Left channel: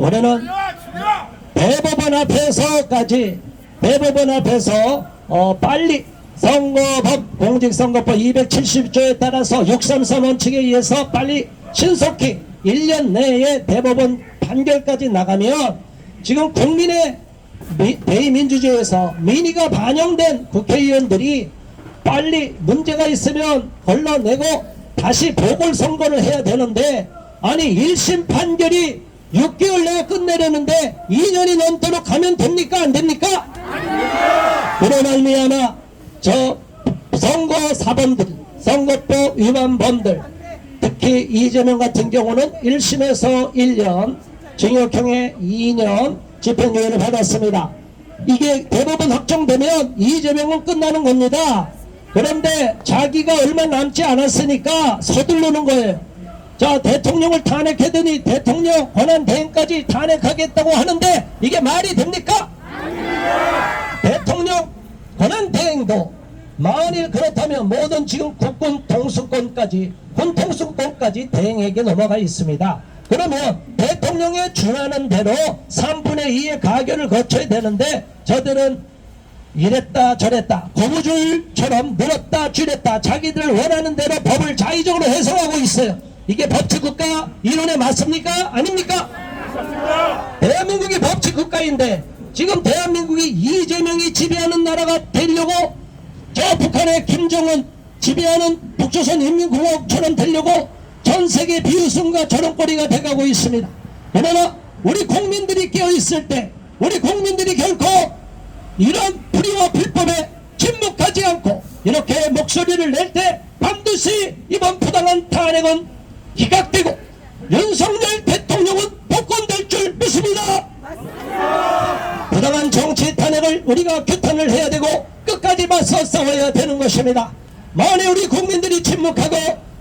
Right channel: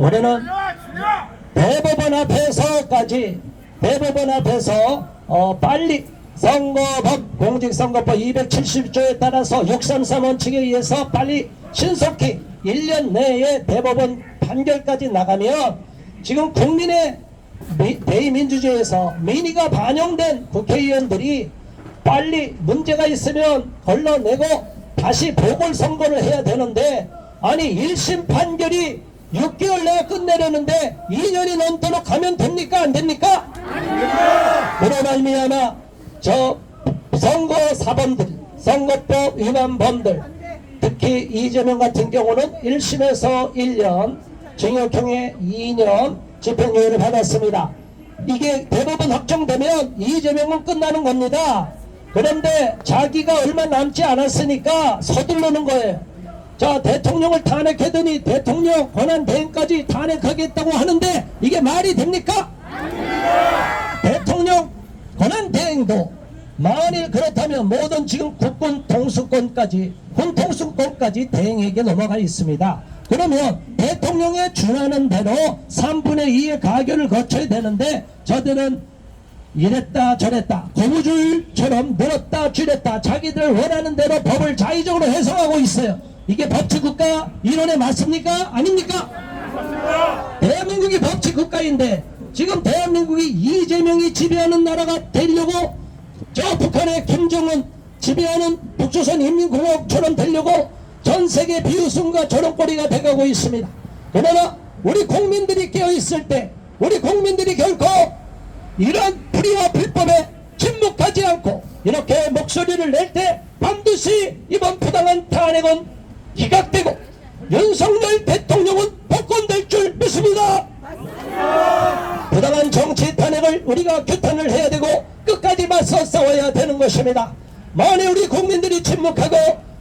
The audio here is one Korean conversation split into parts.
우리는 대법원 앞에서 빨리 선거법 공직선거법 270조에 따라서 633 원칙에 의해서 빨리 신속히 1년 내에 대법원 판결까지 나가면 지금 국민의 대의민주주의에서 민의가 반영된 국회의원들이 빨리 문제가 있으면 걸러내고 다시 보궐선거를 해야 되는데, 아니 1심 판결이 6개월 내에 끝내려는데 2년이 넘도록 가면 됩니까? 안 됩니까? 그로 말미암아 저 선거 사범들, 선거법 위반범들, 특히 이재명 같은 경우는 1심에서 1년, 징역형에 2년 집행유예를 받았습니다. 이게 대법원 확정되면 이재명은 끝나는 겁니다. 그런데 자기가 얼마 남지 않았으니까 서두르는 거예요. 자, 대통령을 탄핵하더니 대통령 권한대행까지 탄핵하겠다고 하는데 이게 말이 됩니까? 대통령 권한대행도 만일 그렇다면 모든 지금 국군 통수권까지, 군 통수권까지 대행에게 넘어가 있습니다. 그러면 대통령에 준하는 대로 3분의 2의 가결을 거쳐야 되는데 저들은 이랬다 저랬다 고무줄처럼 늘었다 줄였다 자기들 원하는 대로 법을 자의적으로 해석하고 있어요. 이게 법치국가 이론에 맞습니까? 아닙니까? 대한민국이 법치국가인데 지금 대한민국이 이재명이 지배하는 나라가 되려고, 저 북한의 김정은 지배하는 북조선인민공화국처럼 되려고 전 세계 비웃음과 저런거리가 돼가고 있습니다. 그러나 우리 국민들이 깨어있을 때, 우리 국민들이 결코 이런 불의와 불법에 침묵하지 않고 이렇게 목소리를 낼 때 반드시 이번 부당한 탄핵은 기각되고 윤석열 대통령은 복권될 줄 믿습니다. 부당한 정치 탄핵을 우리가 규탄을 해야 되고 끝까지 맞서 싸워야 되는 것입니다. 만일 우리 국민들이 침묵하고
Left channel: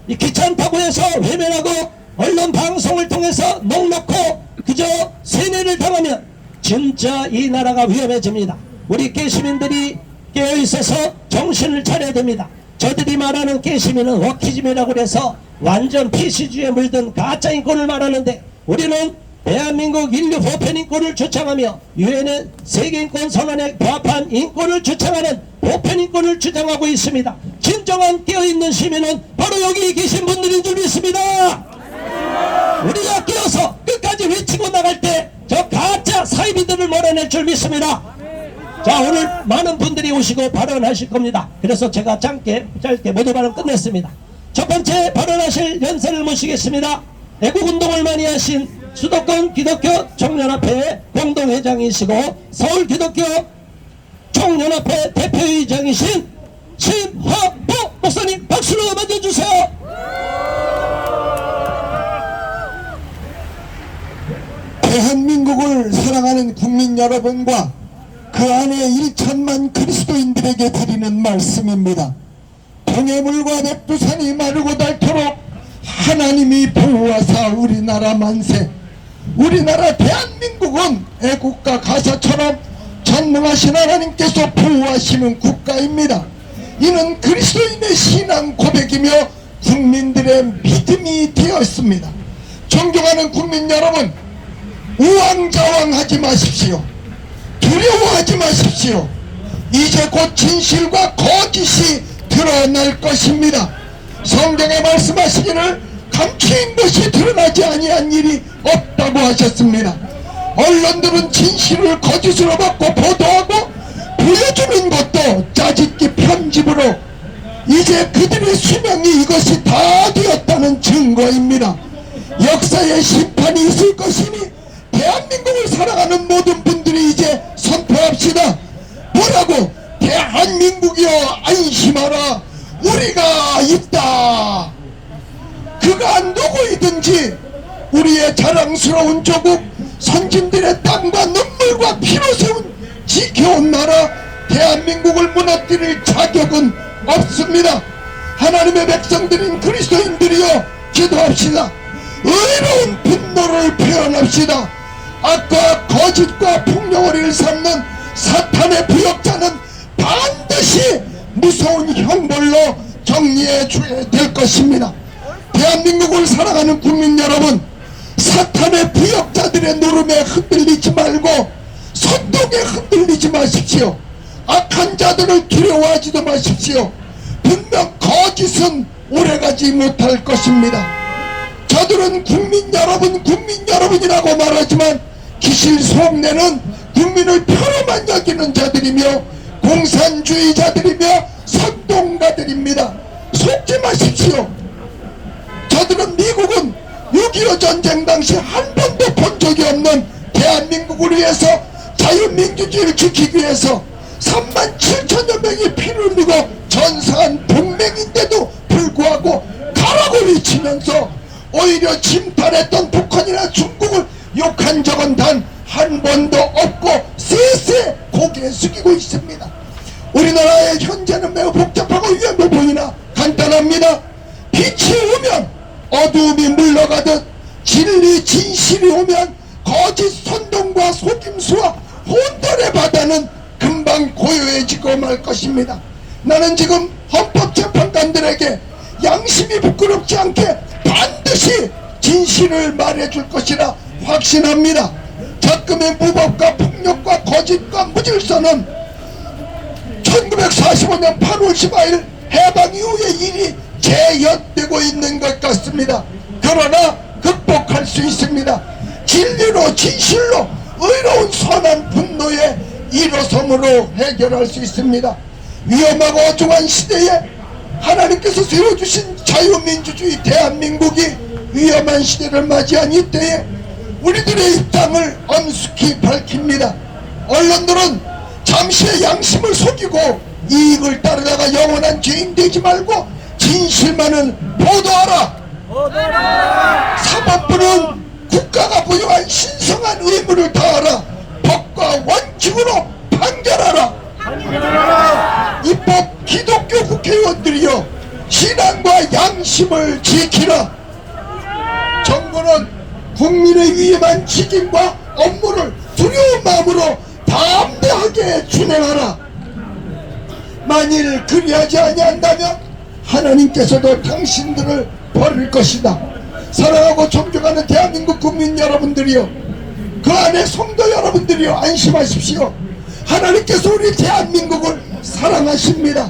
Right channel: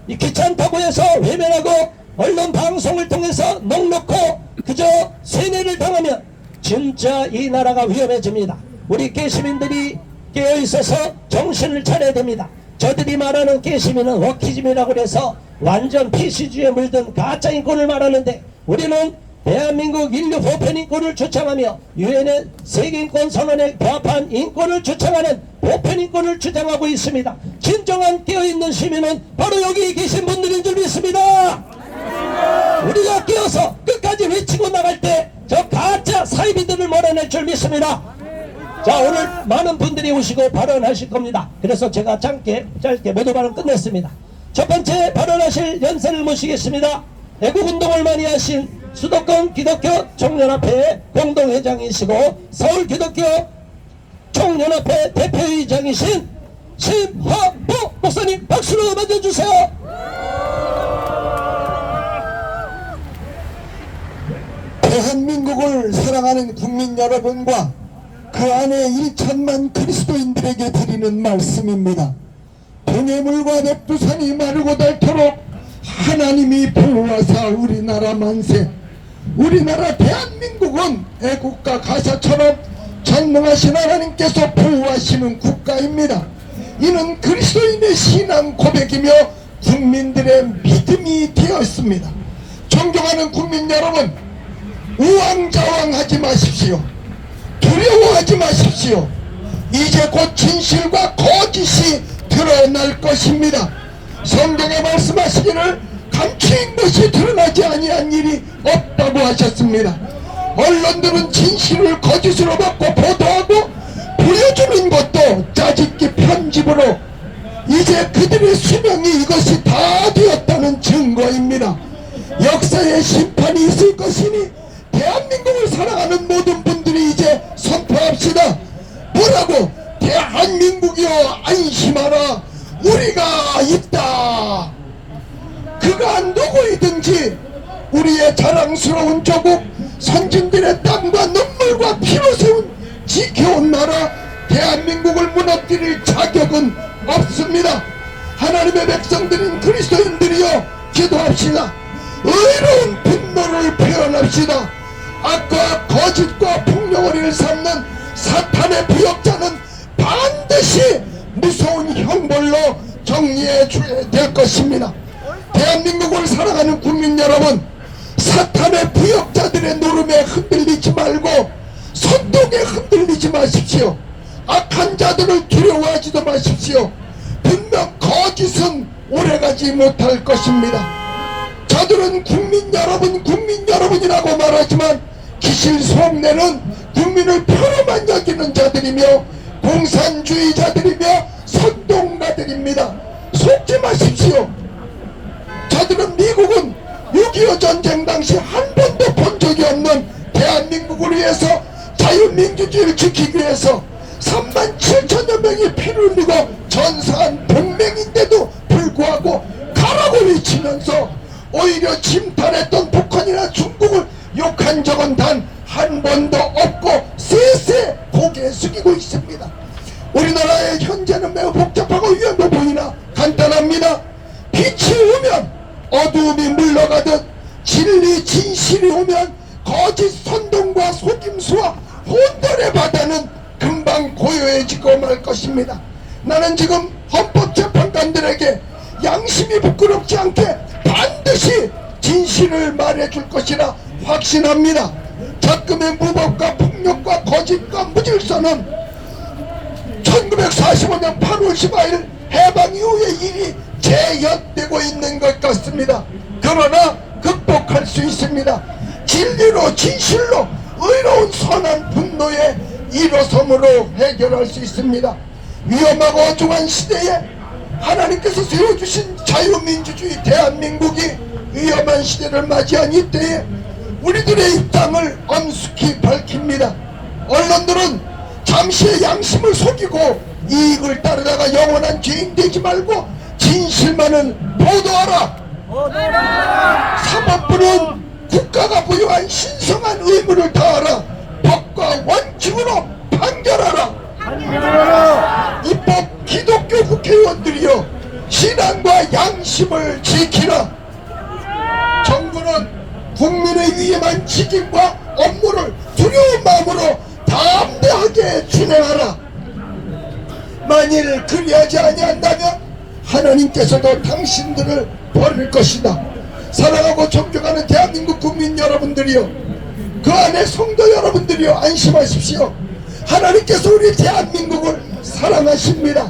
이 귀찮다고 해서 외면하고 언론 방송을 통해서 넉넉고 그저 세뇌를 당하면 진짜 이 나라가 위험해집니다. 우리 깨시민들이 깨어있어서 정신을 차려야 됩니다. 저들이 말하는 깨시민은 워키즘이라고 해서 완전 PC주의에 물든 가짜 인권을 말하는데, 우리는 대한민국 인류 보편 인권을 주장하며 유엔의 세계인권 선언에 부합한 인권을 주장하는 보편 인권을 주장하고 있습니다. 진정한 깨어있는 시민은 바로 여기 계신 분들인 줄 믿습니다. 우리가 깨어서 끝까지 외치고 나갈 때 저 가짜 사이비들을 몰아낼 줄 믿습니다. 자, 오늘 많은 분들이 오시고 발언하실 겁니다. 그래서 제가 짧게 모두 발언 끝냈습니다. 첫 번째 발언하실 연세를 모시겠습니다. 애국운동을 많이 하신 수도권 기독교 총연합회 공동회장이시고 서울 기독교 총연합회 대표회장이신 심화복 목사님 박수로 맞아주세요. 대한민국을 사랑하는 국민 여러분과 그 안에 1천만 그리스도인들에게 드리는 말씀입니다. 동해물과 백두산이 마르고 닳도록 하나님이 보호하사 우리나라 만세, 우리나라 대한민국은 애국가 가사처럼 전능하신 하나님께서 보호하시는 국가입니다. 이는 그리스도인의 신앙 고백이며 국민들의 믿음이 되었습니다. 존경하는 국민 여러분, 우왕좌왕하지 마십시오. 두려워하지 마십시오. 이제 곧 진실과 거짓이 드러날 것입니다. 성경에 말씀하시기를 감추인 것이 드러나지 아니한 일이 없다고 하셨습니다. 언론들은 진실을 거짓으로 바꿔 보도하고 보여주는 것도 짜집기 편집으로 이제 그들의 수명이 이것이 다 되었다는 증거입니다. 역사의 심판이 있을 것이니 대한민국을 사랑하는 모든 분들이 이제 선포합시다. 뭐라고? 대한민국이여 안심하라, 우리가 있다. 그가 누구이든지 우리의 자랑스러운 조국, 선진들의 땀과 눈물과 피로 세운 지켜온 나라 대한민국을 무너뜨릴 자격은 없습니다. 하나님의 백성들인 그리스도인들이여 기도합시다. 의로운 분노를 표현합시다. 악과 거짓과 폭력을 일삼는 사탄의 부역자는 반드시 무서운 형벌로 정리해 줘야 될 것입니다. 대한민국을 사랑하는 국민 여러분, 사탄의 부역자들 국민들의 노름에 흔들리지 말고 선동에 흔들리지 마십시오. 악한 자들을 두려워하지도 마십시오. 분명 거짓은 오래가지 못할 것입니다. 저들은 국민 여러분이라고 말하지만 기실 속내는 국민을 표로만 여기는 자들이며 공산주의자들이며 선동가들입니다. 속지 마십시오. 저들은 미국은 6.25 전쟁 당시 한 번도 본 적이 없는 대한민국을 위해서 자유민주주의를 지키기 위해서 37,000여 명이 피를 흘리고 전사한 동맹인데도 불구하고 가라고 외치면서 오히려 침탈했던 북한이나 중국을 욕한 적은 단 한 번도 없고 쎄쎄 고개 숙이고 있습니다. 우리나라의 현재는 매우 복잡하고 위험해 보이나 간단합니다. 빛이 오면 어두움이 물러가듯 진리 진실이 오면 거짓 선동과 속임수와 혼돈의 바다는 금방 고요해지고 말 것입니다. 나는 지금 헌법재판관들에게 양심이 부끄럽지 않게 반드시 진실을 말해줄 것이라 확신합니다. 작금의 무법과 폭력과 거짓과 무질서는 1945년 8월 15일 해방 이후의 일이 재연되고 있는 것 같습니다. 그러나 극복할 수 있습니다. 진리로 진실로 의로운 선한 분노의 일어섬으로 해결할 수 있습니다. 위험하고 어중한 시대에 하나님께서 세워주신 자유민주주의 대한민국이 위험한 시대를 맞이한 이때에 우리들의 입장을 엄숙히 밝힙니다. 언론들은 잠시의 양심을 속이고 이익을 따르다가 영원한 죄인 되지 말고 진실만을 보도하라. 사법부는 국가가 부여한 신성한 의무를 다하라. 법과 원칙으로 판결하라. 입법 기독교 국회의원들이여 신앙과 양심을 지키라. 정부는 국민의 위험한 책임과 업무를 두려운 마음으로 담대하게 준행하라. 만일 그리하지 아니한다면 하나님께서도 당신들을 버릴 것이다. 사랑하고 존경하는 대한민국 국민 여러분들이여, 그 안에 성도 여러분들이여, 안심하십시오. 하나님께서 우리 대한민국을 사랑하십니다.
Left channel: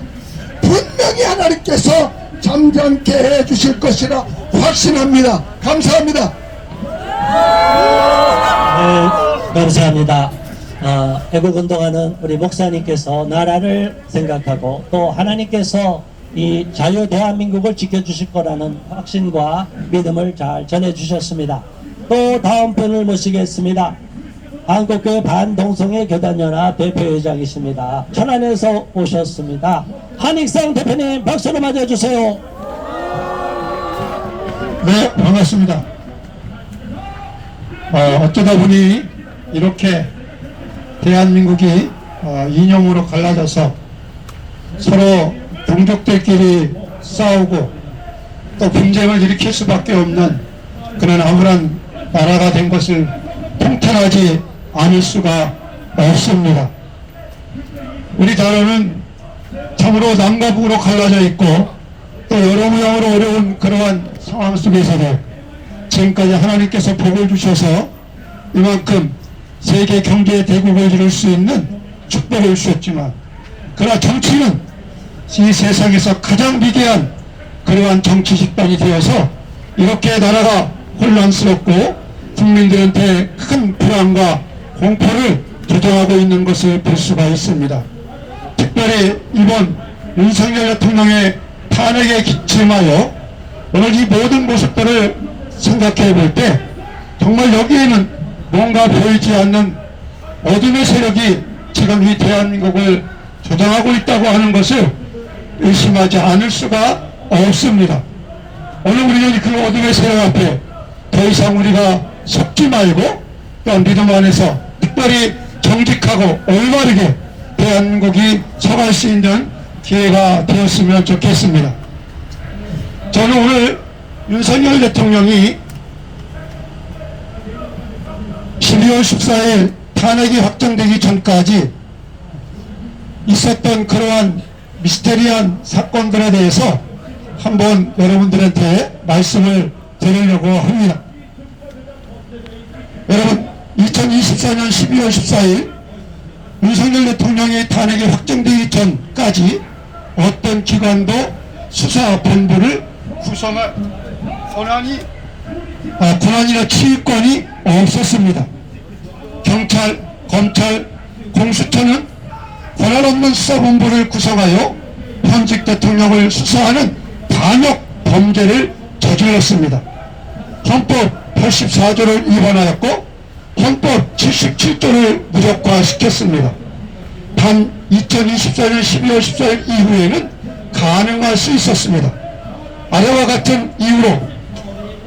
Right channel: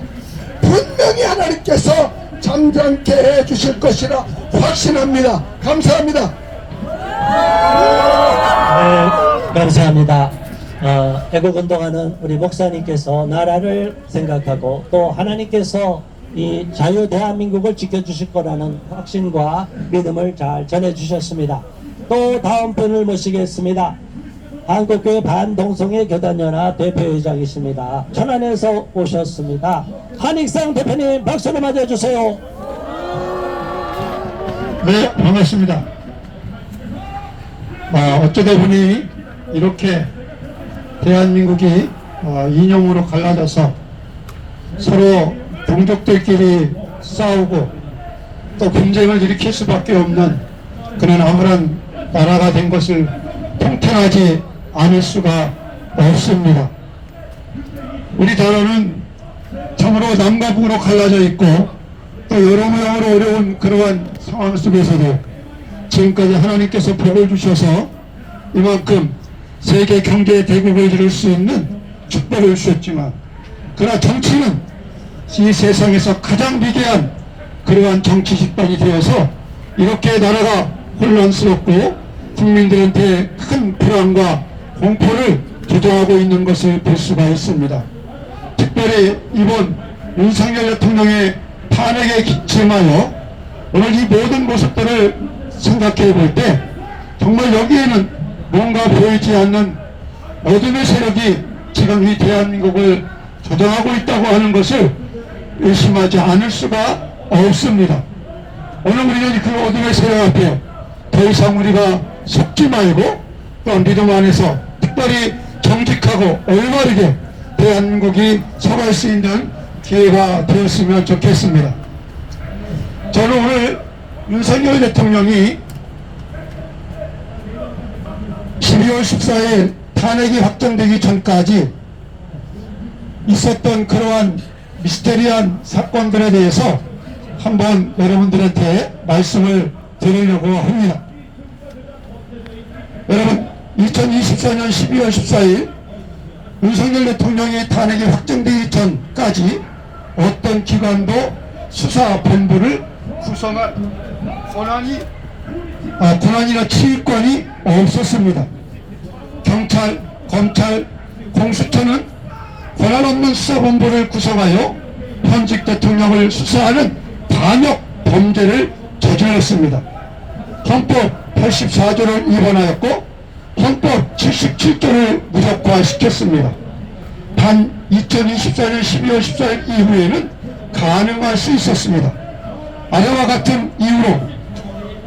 분명히 하나님께서 잠잠케 해주실 것이라 확신합니다. 감사합니다. 네, 감사합니다. 애국운동하는 우리 목사님께서 나라를 생각하고 또 하나님께서 이 자유 대한민국을 지켜주실 거라는 확신과 믿음을 잘 전해주셨습니다. 또 다음 분을 모시겠습니다. 한국교회 반동성애 교단연합 대표회장이십니다. 천안에서 오셨습니다. 한익상 대표님 박수로 맞아주세요. 네, 반갑습니다. 어쩌다 보니 이렇게 대한민국이 이념으로 갈라져서 서로 동족들끼리 싸우고 또 분쟁을 일으킬 수밖에 없는 그런 암울한 나라가 된 것을 통탄하지 않을 수가 없습니다. 우리 나라는 참으로 남과 북으로 갈라져 있고 또 여러모로 어려운 그러한 상황 속에서도 지금까지 하나님께서 복을 주셔서 이만큼 세계 경제 대국을 이룰 수 있는 축복을 주셨지만, 그러나 정치는 이 세상에서 가장 위대한 그러한 정치 집단이 되어서 이렇게 나라가 혼란스럽고 국민들한테 큰 불안과 공포를 조장하고 있는 것을 볼 수가 있습니다. 특별히 이번 윤석열 대통령의 탄핵에 기침하여 오늘 이 모든 모습들을 생각해 볼 때 정말 여기에는 뭔가 보이지 않는 어둠의 세력이 지금 이 대한민국을 조장하고 있다고 하는 것을 의심하지 않을 수가 없습니다. 오늘 우리는 그 어둠의 세력 앞에 더 이상 우리가 속지 말고 또 믿음 안에서 특별히 정직하고 올바르게 대한민국이 서갈 수 있는 기회가 되었으면 좋겠습니다. 저는 오늘 윤석열 대통령이 12월 14일 탄핵이 확정되기 전까지 있었던 그러한 미스테리한 사건들에 대해서 한번 여러분들한테 말씀을 드리려고 합니다. 여러분, 2024년 12월 14일 윤석열 대통령이 탄핵이 확정되기 전까지 어떤 기관도 수사본부를 구성할 권한이나 지휘권이 없었습니다. 경찰, 검찰, 공수처는 권한 없는 수사본부를 구성하여 현직 대통령을 수사하는 반역 범죄를 저질렀습니다. 헌법 84조를 위반하였고 헌법 77조를 무력화시켰습니다. 단 2024년 12월 14일 이후에는 가능할 수 있었습니다. 아래와 같은 이유로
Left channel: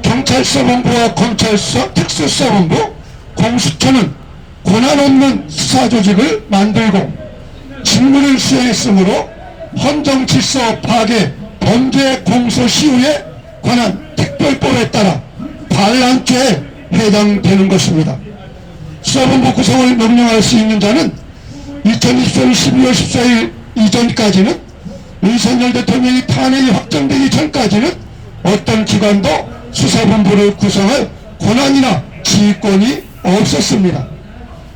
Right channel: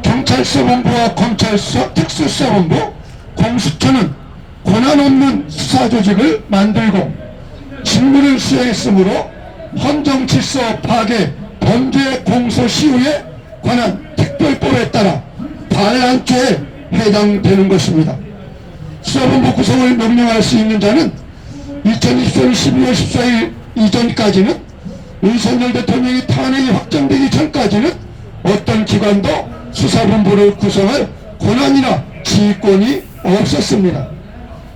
경찰서본부와 검찰서 특수수사본부, 공수처는 권한 없는 수사조직을 만들고 직무를 수행했으므로 헌정질서 파괴, 범죄 공소시효에 관한 특별법에 따라 반란죄에 해당되는 것입니다. 수사본부 구성을 명령할 수 있는 자는 2024년 12월 14일 이전까지는 윤석열 대통령이 탄핵이 확정되기 전까지는 어떤 기관도 수사본부를 구성할 권한이나 지휘권이 없었습니다.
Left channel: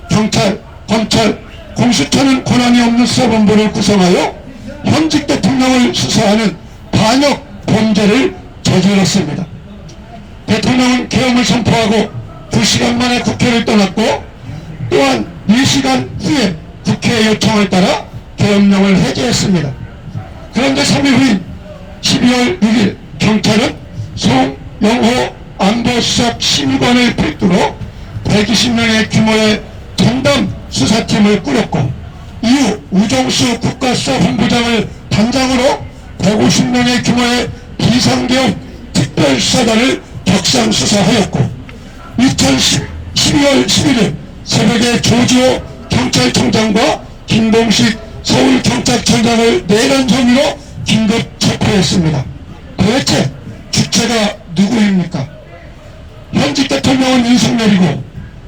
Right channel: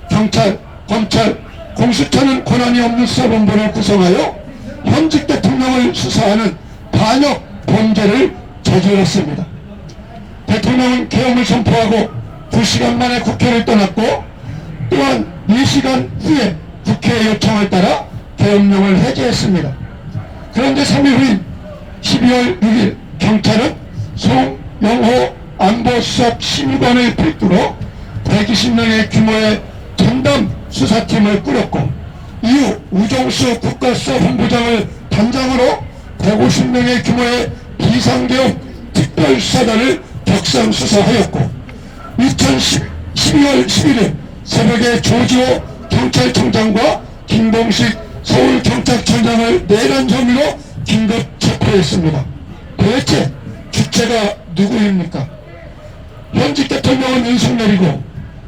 경찰, 검찰, 공수처는 권한이 없는 수사본부를 구성하여 현직 대통령을 수사하는 반역 범죄를 저질렀습니다. 대통령은 계엄을 선포하고 2시간 만에 국회를 떠났고 또한 4시간 후에 국회 요청을 따라 계엄령을 해제했습니다. 그런데 3일 후인 12월 6일 경찰은 송영호 안보수석 심의관을 필두로 120명의 규모의 전담 수사팀을 꾸렸고 이후 우종수 국가수사본부장을 단장으로 150명의 규모의 비상계엄 특별수사단을 격상수사하였고 2012월 11일 새벽에 조지호 경찰청장과 김동식 서울경찰청장을 내란 혐의로 긴급 체포했습니다. 도대체 주체가 누구입니까? 현직 대통령은 윤석열이고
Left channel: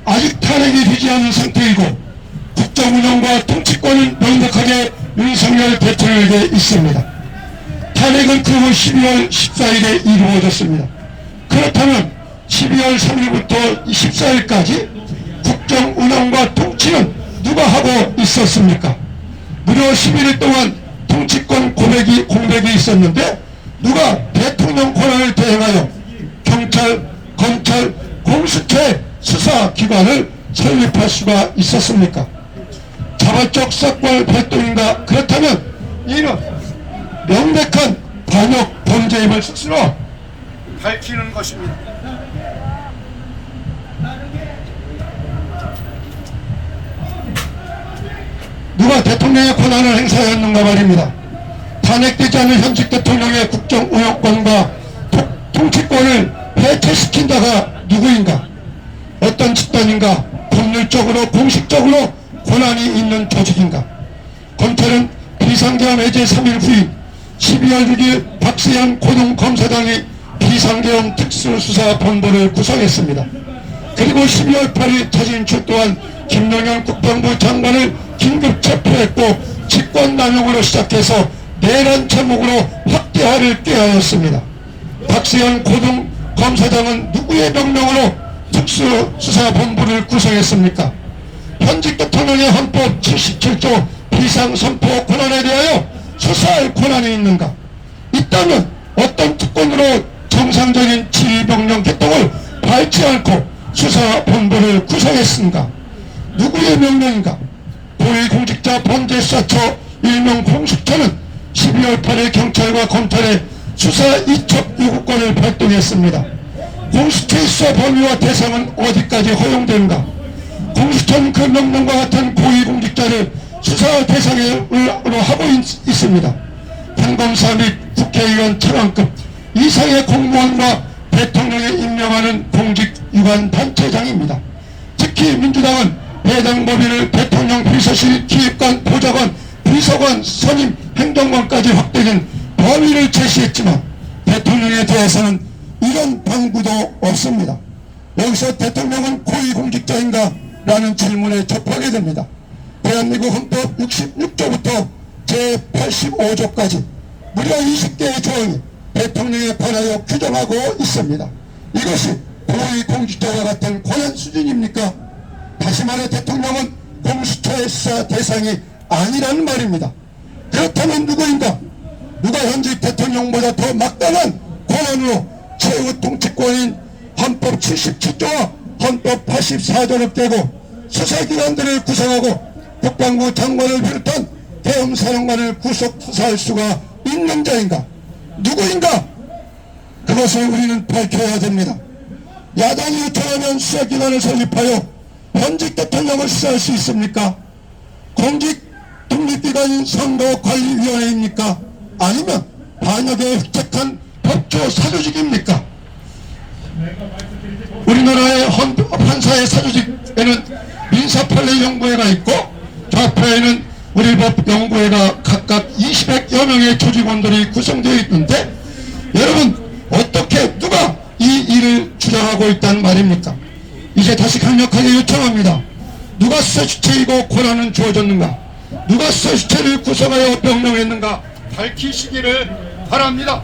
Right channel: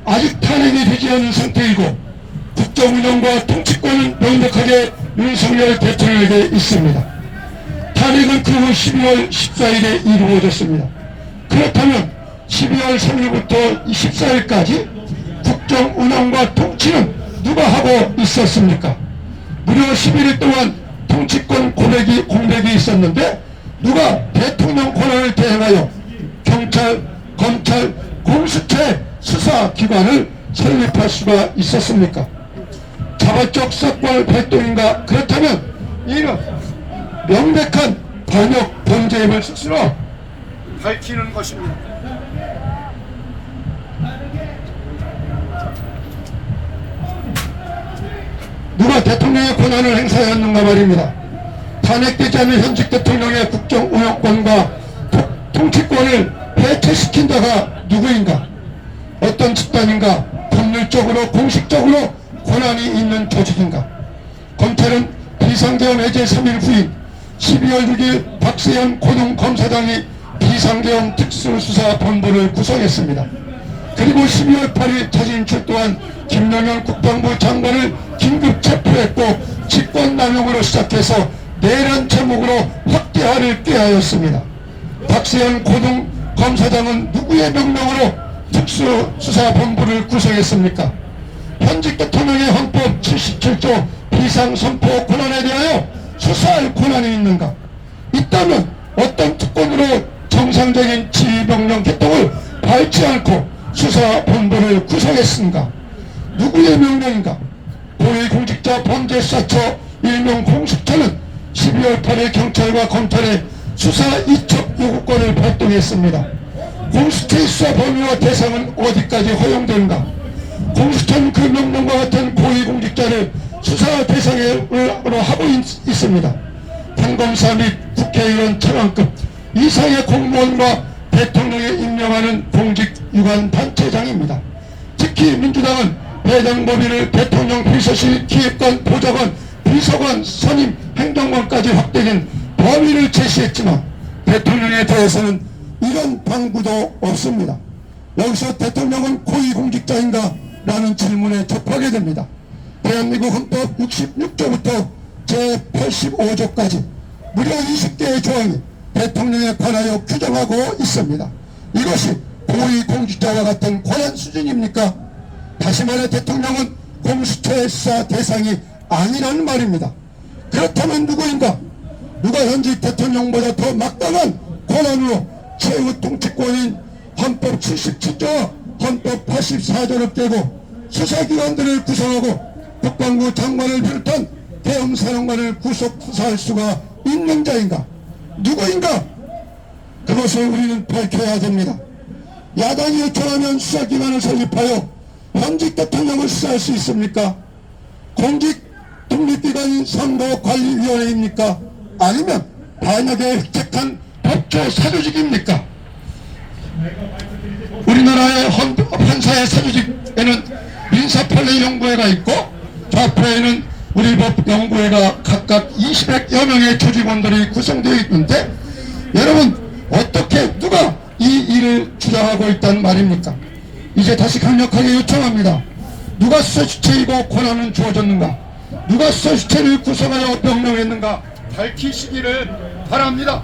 아직 탄핵이 되지 않은 상태이고 국정운영과 통치권은 명백하게 윤석열 대통령에게 있습니다. 탄핵은 그 후 12월 14일에 이루어졌습니다. 그렇다면 12월 3일부터 14일까지 국정운영과 통치는 누가 하고 있었습니까? 무려 11일 동안 통치권 공백이 있었는데 누가 대통령 권한을 대행하여 경찰, 검찰, 공수처의 수사기관을 설립할 수가 있었습니까? 자발적 사건 활동인가? 그렇다면 이는 명백한 반역 범죄임을 스스로 밝히는 것입니다. 누가 대통령의 권한을 행사하였는가 말입니다. 탄핵되지 않은 현직 대통령의 국정운영권과 통치권을 해체시킨 자가 누구인가? 어떤 집단인가? 법률적으로 공식적으로 권한이 있는 조직인가? 검찰은 비상계엄 해제 3일 후인 12월 6일 박수현 고등검사장이 비상계엄 특수수사본부를 구성했습니다. 그리고 12월 8일 자진 출두한 김영현 국방부 장관을 긴급 체포했고 직권남용으로 시작해서 내란 제목으로 확대화를 꾀하였습니다. 박수현 고등검사장은 누구의 명령으로 특수수사본부를 구성했습니까? 현직 대통령의 헌법 77조 비상선포 권한에 대하여 수사할 권한이 있는가? 있다면 어떤 특권으로 정상적인 지휘명령 개통을 밟지 않고 수사본부를 구성했는가? 누구의 명령인가? 고위공직자 범죄수사처 일명 공수처는 12월 8일 경찰과 검찰의 수사 이첩 요구권을 발동했습니다. 공수처의 수사 범위와 대상은 어디까지 허용되는가? 공수처는 그 명령과 같은 고위공직자를 수사 대상으로 하고 있습니다. 판검사 및 국회의원 차관급 이상의 공무원과 대통령이 임명하는 공직유관 단체장입니다. 특히 민주당은 해당 범위를 대통령 비서실 기획관 보좌관 비서관 선임 행정관까지 확대된 범위를 제시했지만 대통령에 대해서는 이런 방구도 없습니다. 여기서 대통령은 고위공직자인가? 라는 질문에 접하게 됩니다. 대한민국 헌법 66조부터 제85조까지 무려 20개의 조항이 대통령에 관하여 규정하고 있습니다. 이것이 고위공직자와 같은 권한 수준입니까? 다시 말해 대통령은 공수처의 수사 대상이 아니라는 말입니다. 그렇다면 누구인가? 누가 현직 대통령보다 더 막강한 권한으로 최후 통치권인 헌법 77조와 헌법 84조를 깨고 수사기관들을 구성하고 국방부 장관을 비롯한 대형사령관을 구속 수사할 수가 있는 자인가? 누구인가? 그것을 우리는 밝혀야 됩니다. 야당이 요청하면 수사기관을 설립하여 현직 대통령을 수사할 수 있습니까? 공직 독립기관인 선거관리위원회입니까? 아니면 반역에 획책한 법조 사조직입니까? 우리나라의 판사의 사조직에는 민사판례연구회가 있고 좌파에는 우리 법연구회가 각각 20여 명의 조직원들이 구성되어 있는데 여러분 어떻게 누가 이 일을 주장하고 있단 말입니까? 이제 다시 강력하게 요청합니다. 누가 수사주체이고 권한은 주어졌는가? 누가 수사주체를 구성하여 명령했는가? 밝히시기를 바랍니다.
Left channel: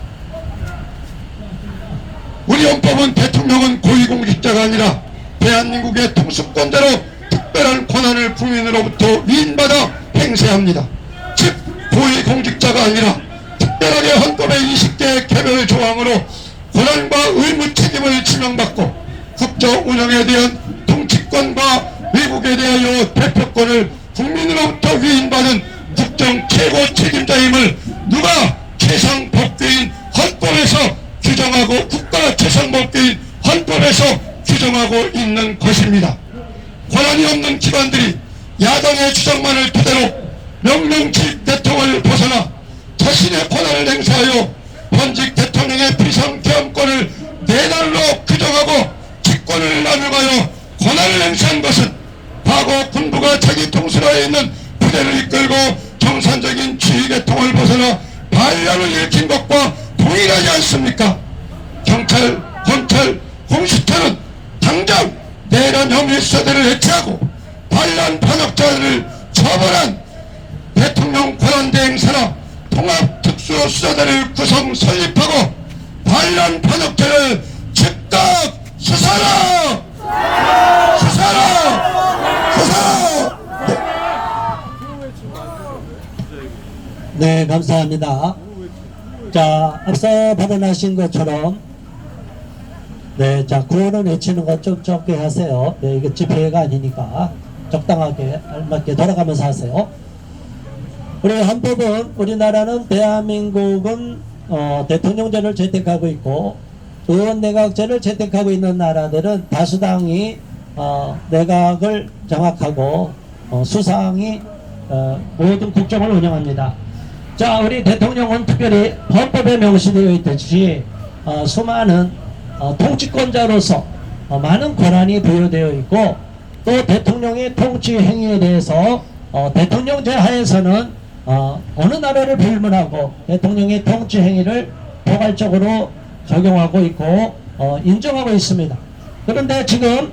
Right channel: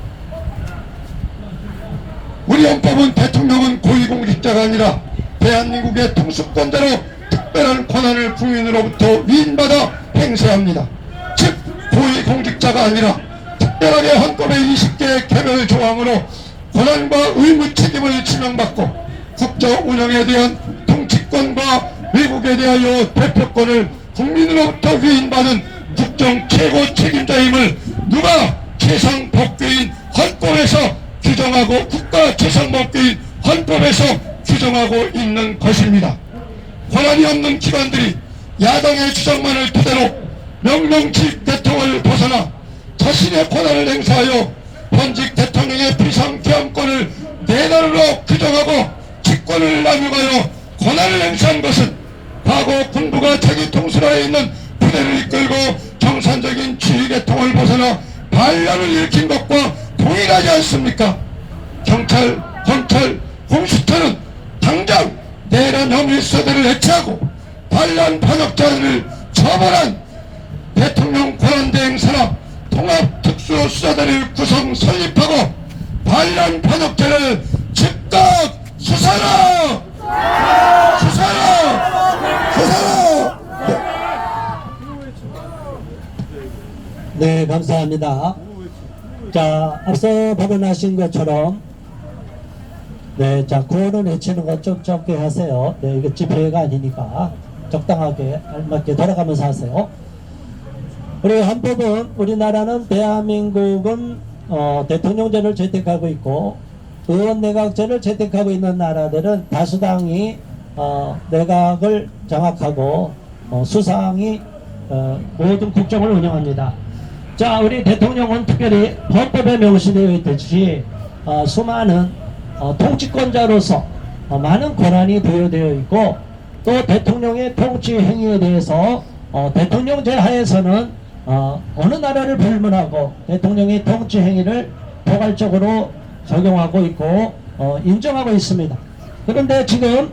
우리 헌법은 대통령은 고위공직자가 아니라 대한민국의 통수권자로 특별한 권한을 국민으로부터 위임받아 행사합니다. 즉 고위공직자가 아니라 특별하게 헌법의 20개의 개별 조항으로 권한과 의무 책임을 지명받고 국정 운영에 대한 통치권과 외국에 대하여 대표권을 국민으로부터 위임받은 국정 최고 책임자임을 누가 최상법규인 헌법에서 규정하고 국가 최상법규인 헌법에서 규정하고 있는 것입니다. 권한이 없는 기관들이 야당의 주장만을 토대로 명령직 대통령을 벗어나 자신의 권한을 행사하여 현직 대통령의 비상계엄권을 내란으로 규정하고 직권을 나누가여 권한을 행사한 것은 과거 군부가 자기 통수라에 있는 부대를 이끌고 정상적인 지휘계통을 벗어나 반란을 일으킨 것과 동일하지 않습니까? 경찰, 검찰, 공수처는 당장 내란 혐의 수사대를 해체하고 반란 반역자들을 처벌한 대통령 권한대행 산하 통합특수수사대를 구성 설립하고 반란 반역자를 즉각 수사라! 수사라! 수사라! 네, 감사합니다. 자, 앞서 발언하신 것처럼 네, 자, 구호는 외치는 것 좀 적게 하세요. 네, 이거 집회가 아니니까 적당하게 알맞게 돌아가면서 하세요. 우리 헌법은 우리나라는 대한민국은 대통령제를 채택하고 있고 의원내각제를 채택하고 있는 나라들은 다수당이 내각을 장악하고 수상이 모든 국정을 운영합니다. 자, 우리 대통령은 특별히 헌법에 명시되어 있듯이 수많은 통치권자로서 많은 권한이 부여되어 있고 또 대통령의 통치 행위에 대해서 대통령제 하에서는 어느 나라를 불문하고 대통령의 통치 행위를 포괄적으로 적용하고 있고 인정하고 있습니다. 그런데 지금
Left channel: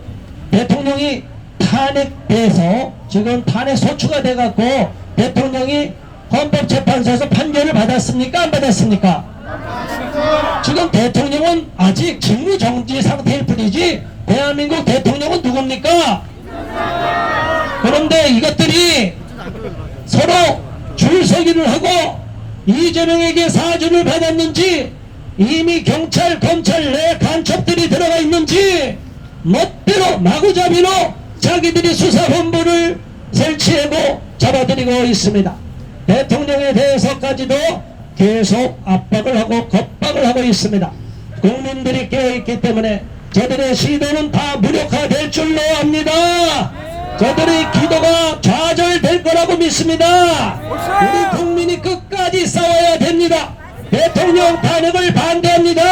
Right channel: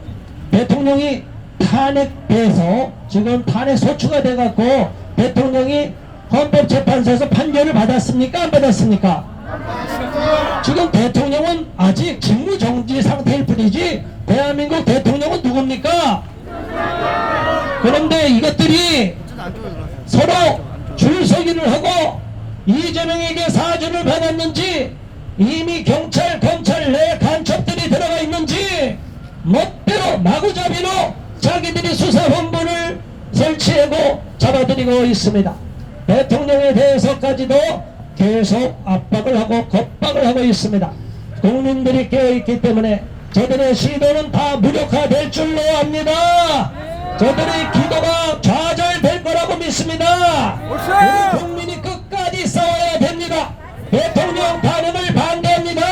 대통령이 탄핵돼서 지금 탄핵 소추가 돼갖고 대통령이 헌법재판소에서 판결을 받았습니까? 안 받았습니까? 지금 대통령은 아직 직무정지 상태일 뿐이지 대한민국 대통령은 누굽니까? 그런데 이것들이 서로 줄서기를 하고 이재명에게 사주를 받았는지 이미 경찰, 검찰 내 간첩들이 들어가 있는지 멋대로 마구잡이로 자기들이 수사본부를 설치하고 잡아들이고 있습니다. 대통령에 대해서까지도 계속 압박을 하고 겁박을 하고 있습니다. 국민들이 깨어있기 때문에 저들의 시도는 다 무력화될 줄로 압니다. 저들의 기도가 좌절될 거라고 믿습니다. 우리 국민이 끝까지 싸워야 됩니다. 대통령 탄핵을 반대합니다.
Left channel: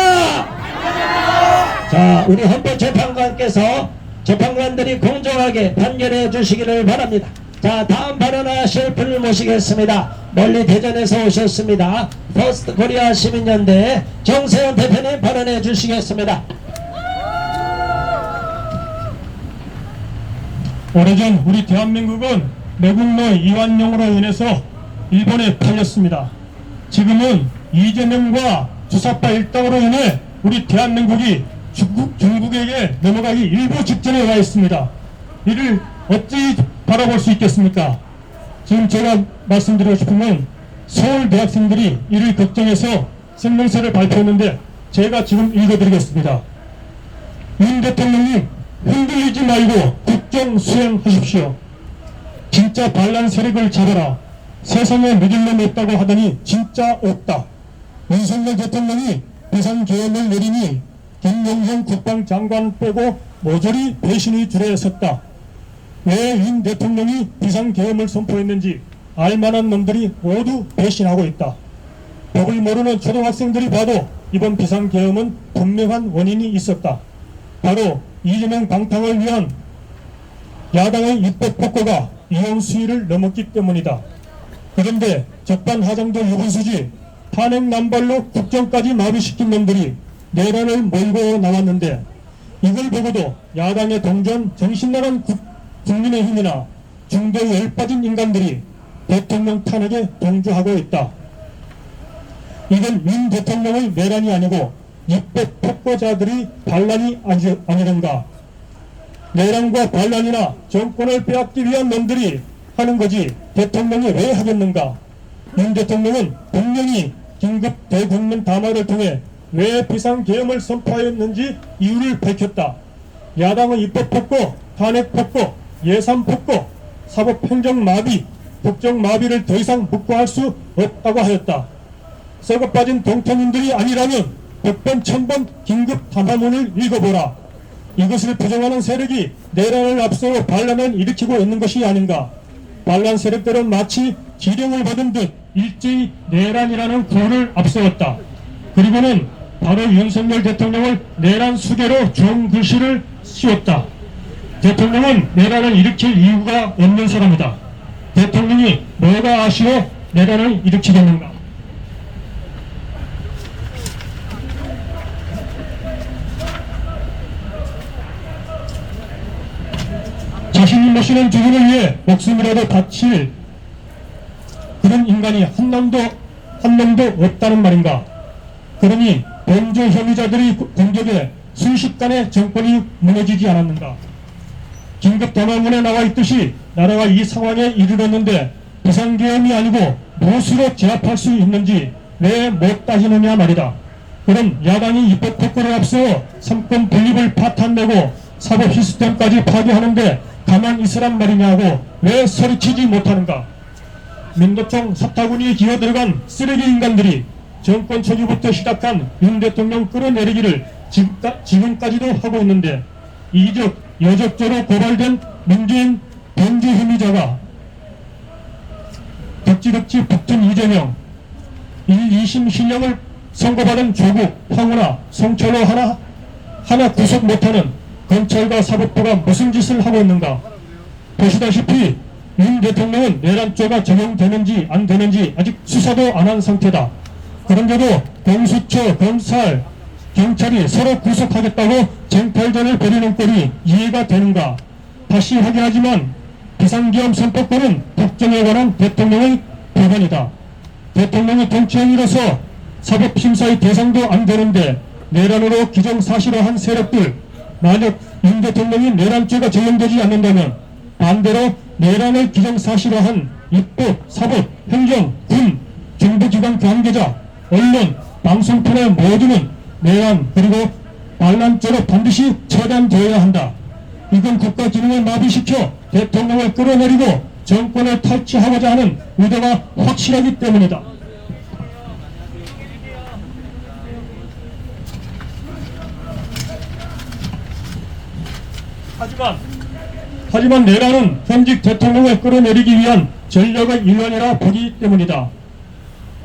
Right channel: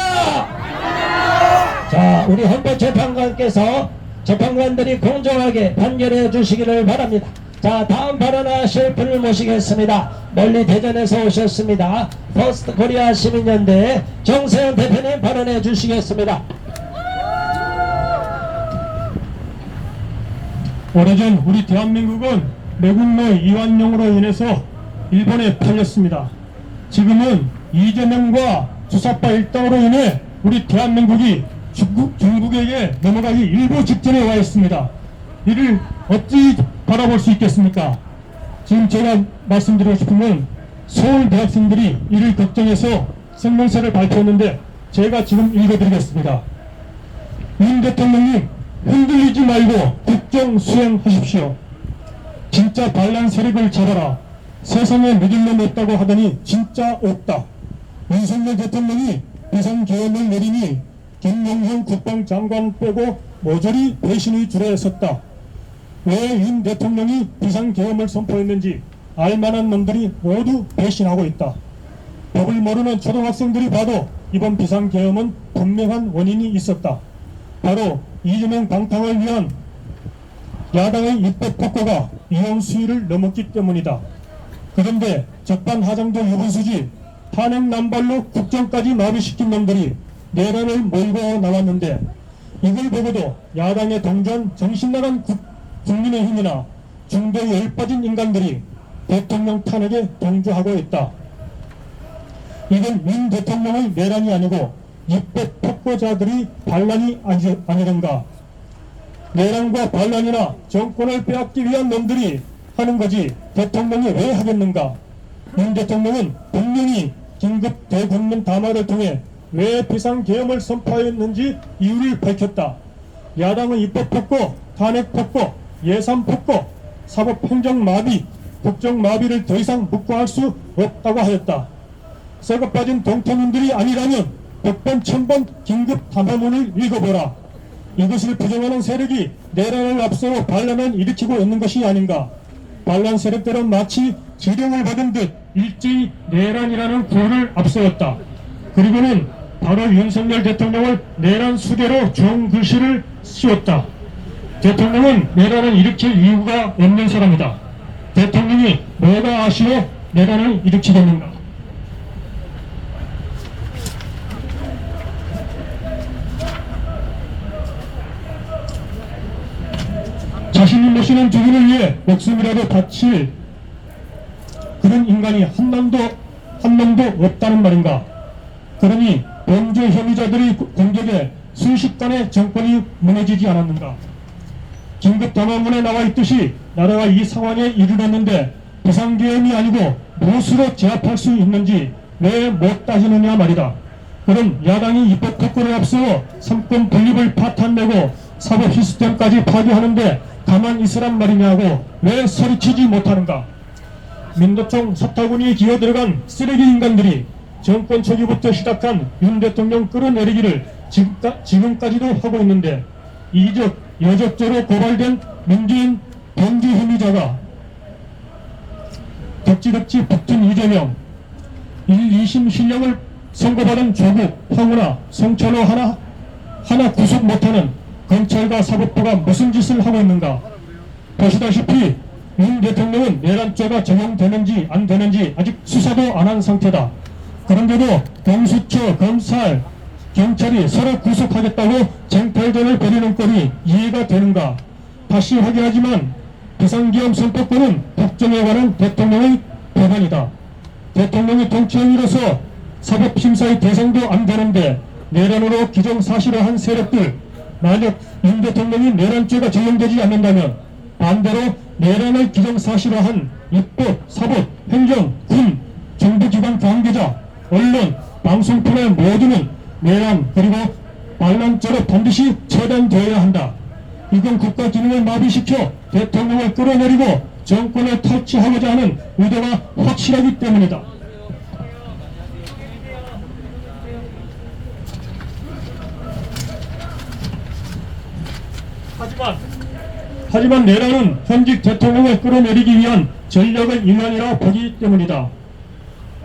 자, 우리 헌법재판관께서 재판관들이 공정하게 판결해 주시기를 바랍니다. 자, 다음 발언하실 분을 모시겠습니다. 멀리 대전에서 오셨습니다. 퍼스트 코리아 시민연대 정세현 대표님 발언해 주시겠습니다. 오래전 우리 대한민국은 매국노 이완용으로 인해서 일본에 팔렸습니다. 지금은 이재명과 주사파 일당으로 인해 우리 대한민국이 중국에게 넘어가기 일보 직전에 와 있습니다. 이를 어찌 바라볼 수 있겠습니까? 지금 제가 말씀드리고 싶은 건 서울 대학생들이 이를 걱정해서 성명서를 발표했는데 제가 지금 읽어드리겠습니다. 윤 대통령님, 흔들리지 말고 국정 수행하십시오. 진짜 반란 세력을 잡아라. 세상에 믿을 놈 없다고 하더니 진짜 없다. 윤석열 대통령이 비상계엄을 내리니 김영현 국방장관 빼고 모조리 배신의 줄에 섰다. 왜 윤 대통령이 비상계엄을 선포했는지 알만한 놈들이 모두 배신하고 있다. 법을 모르는 초등학생들이 봐도 이번 비상계엄은 분명한 원인이 있었다. 바로 이재명 방탕을 위한 야당의 입법 폭거가 이혼 수위를 넘었기 때문이다. 그런데 적반하장도 유분수지 탄핵 남발로 국정까지 마비시킨 놈들이 내란을 몰고 나왔는데 이걸 보고도 야당의 동전 정신나간 국민의힘이나 중도에 열빠진 인간들이 대통령 탄핵에 동조하고 있다. 이건 윤 대통령의 내란이 아니고 입법 폭거자들의 반란이 아니던가. 내란과 반란이나 정권을 빼앗기 위한 놈들이 하는 거지 대통령이 왜 하겠는가. 윤 대통령은 분명히 긴급 대국민 담화를 통해 왜 비상계엄을 선포하였는지 이유를 밝혔다. 야당의 입법 폭거, 탄핵 폭거, 예산 폭거, 사법행정 마비, 국정 마비를 더 이상 묵과할 수 없다고 하였다. 썩어 빠진 동태민들이 아니라면 100번 1000번 긴급 담화문을 읽어보라. 이것을 부정하는 세력이 내란을 앞서 반란을 일으키고 있는 것이 아닌가. 반란 세력들은 마치 지령을 받은 듯 일제히 내란이라는 구호를 앞세웠다. 그리고는 바로 윤석열 대통령을 내란 수괴로 종 글씨를 씌웠다. 대통령은 내란을 일으킬 이유가 없는 사람이다. 대통령이 뭐가 아쉬워 내란을 일으키겠는가. 자신이 모시는 주인을 위해 목숨이라도 바칠 그런 인간이 한 놈도 없다는 말인가. 그러니 범죄 혐의자들이 공격에 순식간에 정권이 무너지지 않았는가. 긴급 담화문에 나와 있듯이 나라가 이 상황에 이르렀는데 비상계엄이 아니고 무엇으로 제압할 수 있는지 왜 못 따지느냐 말이다. 그럼 야당이 입법 폭거를 앞세워 삼권 분립을 파탄내고 사법 시스템까지 파괴하는데 가만 있으란 말이냐고 왜 소리치지 못하는가. 민노총 사타구니 기어들어간 쓰레기 인간들이 정권 초기부터 시작한 윤 대통령 끌어내리기를 지금까지도 하고 있는데 이적 여적죄로 고발된 문재인 범죄 혐의자가 덕지덕지 붙은 이재명 1~2심 신령을 선고받은 조국, 황운하, 성철호 하나 구속 못하는 검찰과 사법부가 무슨 짓을 하고 있는가. 보시다시피 윤 대통령은 내란죄가 적용되는지 안 되는지 아직 수사도 안 한 상태다. 그런데도 공수처, 검찰, 경찰이 서로 구속하겠다고 쟁탈전을 벌이는 꼴이 이해가 되는가. 다시 확인하지만 비상계엄 선포권은 국정에 관한 대통령의 법안이다. 대통령이 정치행위로서 사법심사의 대상도 안 되는데 내란으로 기정사실화한 세력들, 만약 윤 대통령이 내란죄가 적용되지 않는다면 반대로 내란을 기정사실화한 입법, 사법, 행정, 군, 정부기관 관계자, 언론, 방송통의 모두는 내란 그리고 반란죄로 반드시 처단되어야 한다. 이건 국가 기능을 마비시켜 대통령을 끌어내리고 정권을 탈취하고자 하는 의도가 확실하기 때문이다. 하지만 내란은 현직 대통령을 끌어내리기 위한 전력의 일환이라 보기 때문이다.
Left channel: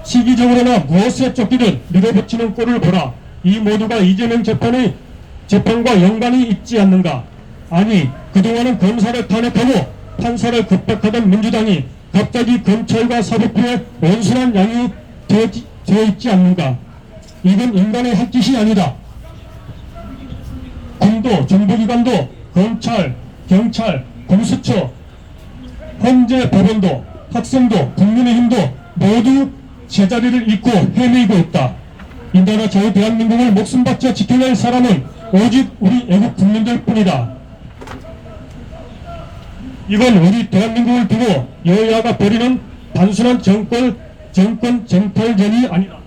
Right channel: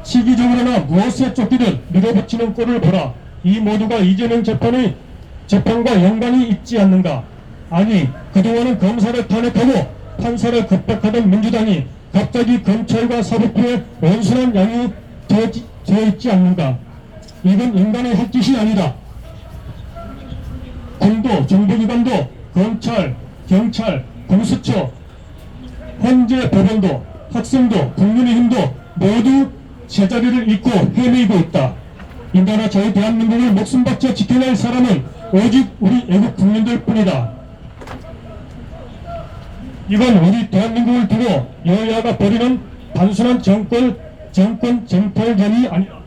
시기적으로나 무엇에 쫓기든 밀어붙이는 꼴을 보라. 이 모두가 이재명 재판과 연관이 있지 않는가. 아니, 그동안은 검사를 탄핵하고 판사를 급박하던 민주당이 갑자기 검찰과 사법부에 온순한 양이 되어 있지 않는가. 이건 인간의 할 짓이 아니다. 군도, 정보기관도, 검찰, 경찰, 공수처, 헌재 법원도, 학생도, 국민의힘도 모두 제자리를 잃고 헤매이고 있다. 이 나라 저희 대한민국을 목숨 바쳐 지켜낼 사람은 오직 우리 애국 국민들 뿐이다. 이건 우리 대한민국을 두고 여야가 벌이는 단순한 정권 정탈전이 아니라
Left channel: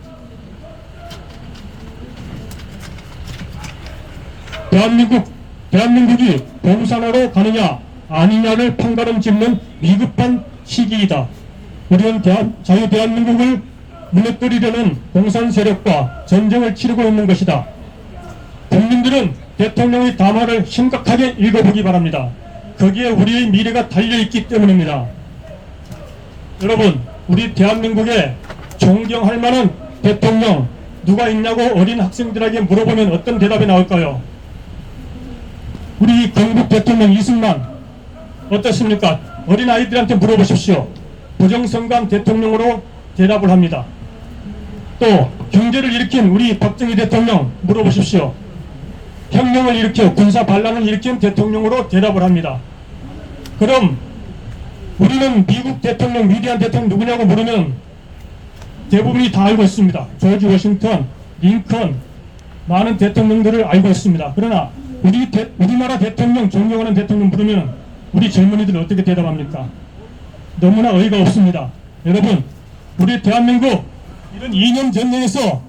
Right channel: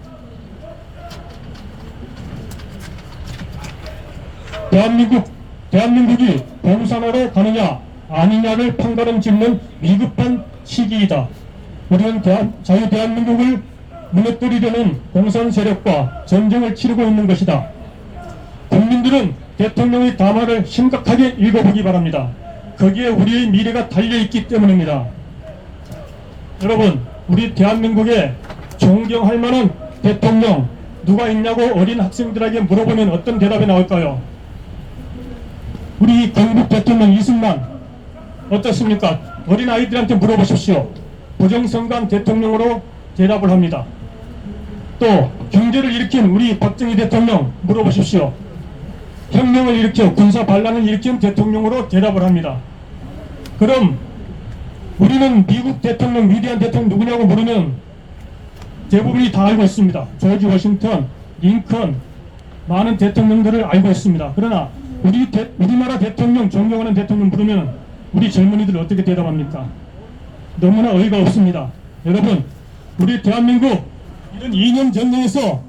대한민국이 공산화로 가느냐 아니냐를 판가름 짓는 위급한 시기이다. 우리는 자유대한민국을 무너뜨리려는 공산 세력과 전쟁을 치르고 있는 것이다. 국민들은 대통령의 담화를 심각하게 읽어보기 바랍니다. 거기에 우리의 미래가 달려있기 때문입니다. 여러분, 우리 대한민국에 존경할 만한 대통령 누가 있냐고 어린 학생들에게 물어보면 어떤 대답이 나올까요? 우리 경북 대통령 이승만 어떻습니까? 어린 아이들한테 물어보십시오. 부정선거한 대통령으로 대답을 합니다. 또 경제를 일으킨 우리 박정희 대통령 물어보십시오. 혁명을 일으켜 군사 반란을 일으킨 대통령으로 대답을 합니다. 그럼 우리는 미국 대통령, 위대한 대통령 누구냐고 물으면 대부분이 다 알고 있습니다. 조지 워싱턴, 링컨, 많은 대통령들을 알고 있습니다. 그러나 우리나라 대통령, 존경하는 대통령 물으면 우리 젊은이들 어떻게 대답합니까? 너무나 어이가 없습니다. 여러분, 우리 대한민국 이런 이념 전쟁에서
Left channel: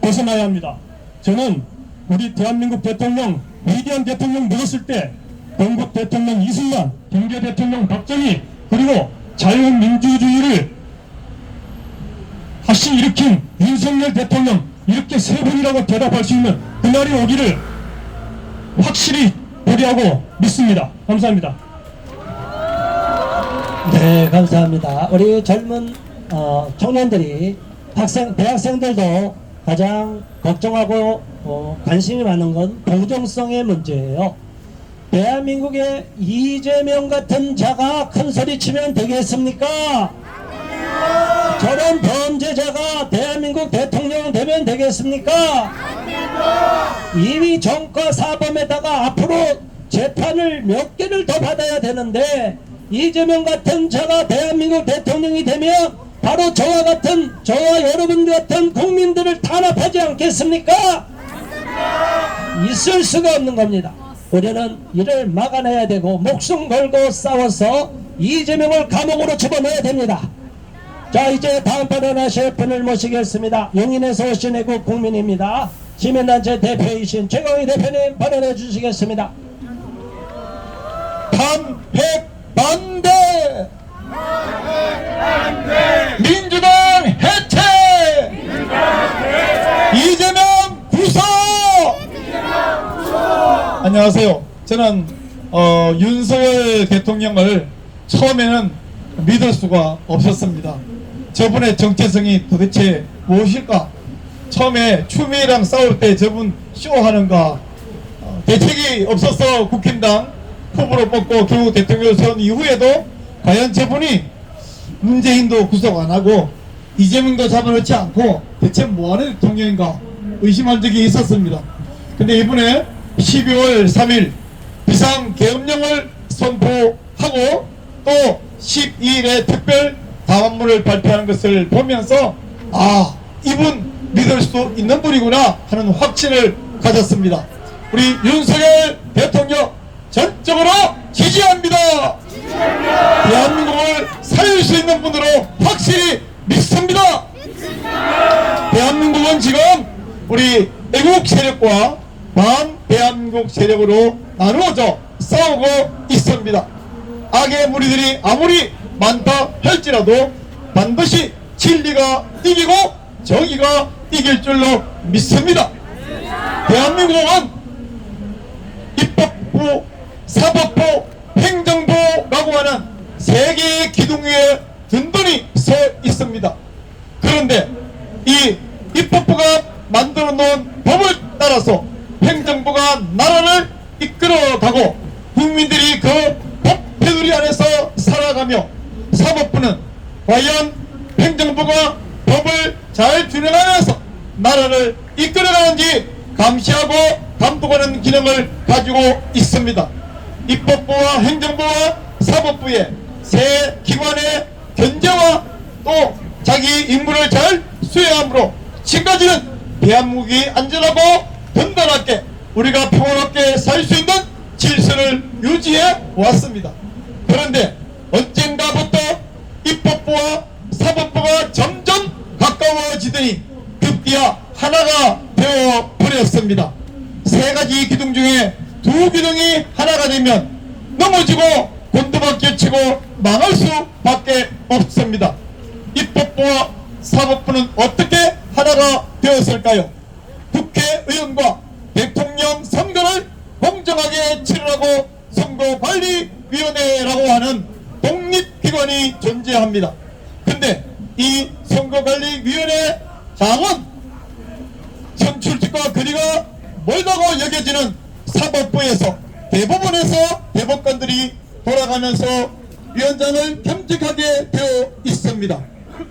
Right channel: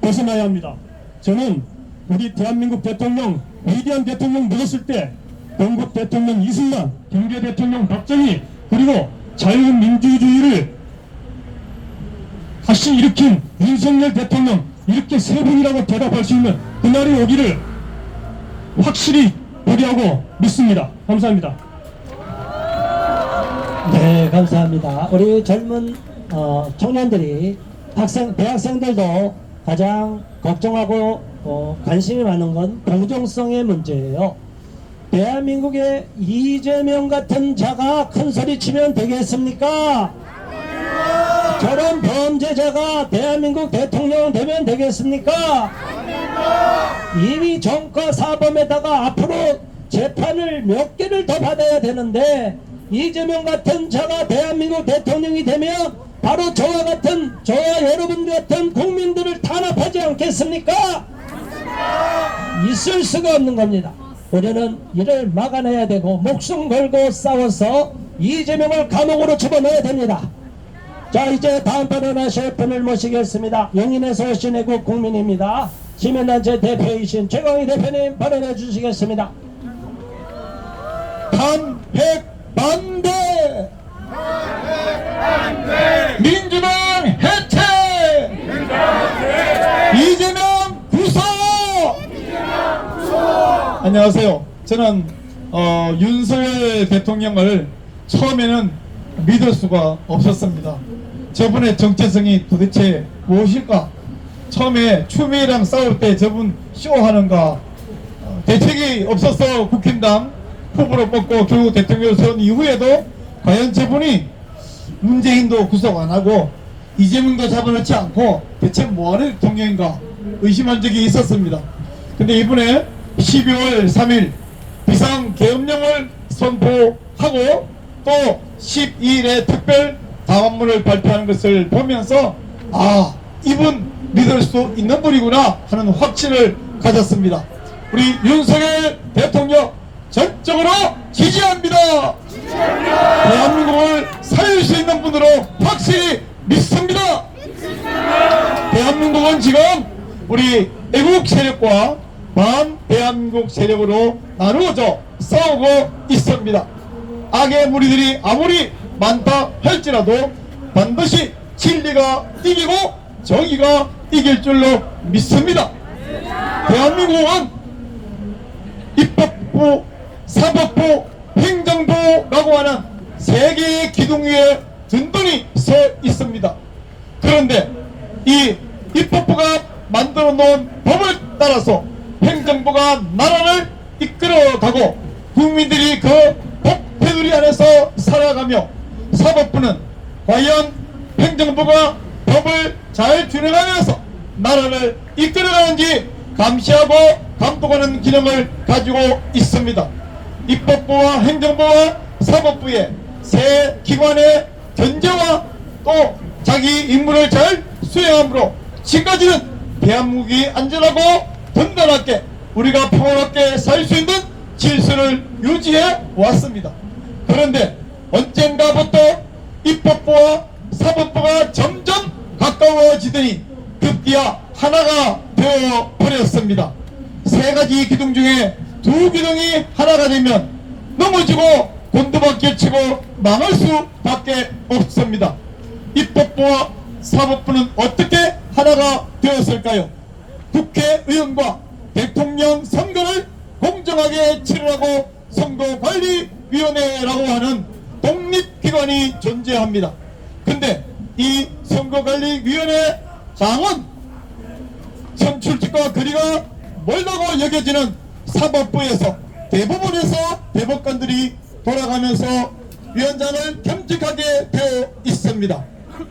벗어나야 합니다. 저는 우리 대한민국 대통령, 위대한 대통령 묻었을 때 건국 대통령 이승만, 경제 대통령 박정희, 그리고 자유민주주의를 다시 일으킨 윤석열 대통령, 이렇게 세 분이라고 대답할 수 있는 그날이 오기를 확실히 보리하고 믿습니다. 감사합니다. 네, 감사합니다. 우리 젊은 청년들이 대학생들도 가장 걱정하고 관심이 많은 건 공정성의 문제예요. 대한민국에 이재명 같은 자가 큰 소리 치면 되겠습니까? 저런 범죄자가 대한민국 대통령 되면 되겠습니까? 이미 정과 사범에다가 앞으로 재판을 몇 개를 더 받아야 되는데 이재명 같은 자가 대한민국 대통령이 되면 바로 저와 여러분 같은 국민들을 탄압하지 않겠습니까? 있을 수가 없는 겁니다. 우리는 이를 막아내야 되고 목숨 걸고 싸워서 이재명을 감옥으로 집어넣어야 됩니다. 자, 이제 다음 발언하실 분을 모시겠습니다. 용인에서 오신 애국 국민입니다. 시민단체 대표이신 최광희 대표님 발언해 주시겠습니다. 탄핵 반대! 민주당 해체! 이재명 구속! 안녕하세요. 저는 윤석열 대통령을 처음에는 믿을 수가 없었습니다. 저분의 정체성이 도대체 무엇일까? 처음에 추미애랑 싸울 때 저분 쇼하는가? 대책이 없어서 국힘당 후보로 뽑고 결국 대통령 선 이후에도 과연 저분이 문재인도 구속 안 하고 이재명도 잡아놓지 않고 대체 뭐하는 대통령인가 의심한 적이 있었습니다. 근데 이번에 12월 3일 비상계엄령을 선포하고 또 12일에 특별 담화문을 발표하는 것을 보면서 아, 이분 믿을 수 있는 분이구나 하는 확신을 가졌습니다. 우리 윤석열 대통령 전적으로 지지합니다. 대한민국을 살릴 수 있는 분으로 확실히 믿습니다. 대한민국은 지금 우리 애국 세력과 반대한민국 세력으로 나누어져 싸우고 있습니다. 악의 무리들이 아무리 많다 할지라도 반드시 진리가 이기고 정의가 이길 줄로 믿습니다. 대한민국은 입법부, 사법부, 행정부라고 하는 세 개의 기둥 위에 든든히 서 있습니다. 그런데 이 입법부가 만들어 놓은 법을 따라서 행정부가 나라를 이끌어가고 국민들이 그 법 테두리 안에서 살아가며 사법부는 과연 행정부가 법을 잘 준행하면서 나라를 이끌어가는지 감시하고 감독하는 기능을 가지고 있습니다. 입법부와 행정부와 사법부의 세 기관의 견제와 또 자기 임무를 잘 수행함으로 지금까지는 대한민국이 안전하고 든든하게 우리가 평화롭게 살 수 있는 질서를 유지해 왔습니다. 그런데 언젠가부터 입법부와 사법부가 점점 가까워지더니 급기야 하나가 되어 버렸습니다. 세 가지 기둥 중에 두 기둥이 하나가 되면 넘어지고 곤두박질 치고 망할 수밖에 없습니다. 입법부와 사법부는 어떻게 하나가 되었을까요? 국회의원과 대통령 선거를 공정하게 치르라고 선거관리위원회라고 하는 독립기관이 존재합니다. 근데 이 선거관리위원회 장은 선출직과 거리가 멀다고 여겨지는 사법부에서 대법원에서 대법관들이 돌아가면서 위원장을 겸직하게 되어 있습니다.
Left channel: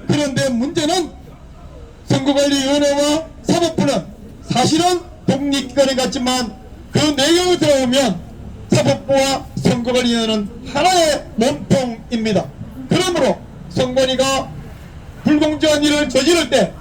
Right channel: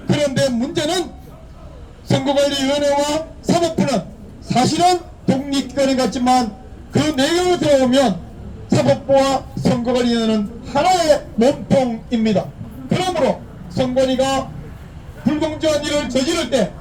그런데 문제는 선거관리위원회와 사법부는 사실은 독립기관이 같지만 그 내용이 들어오면 사법부와 선거관리위원회는 하나의 몸통입니다. 그러므로 선관위가 불공정한 일을 저지를 때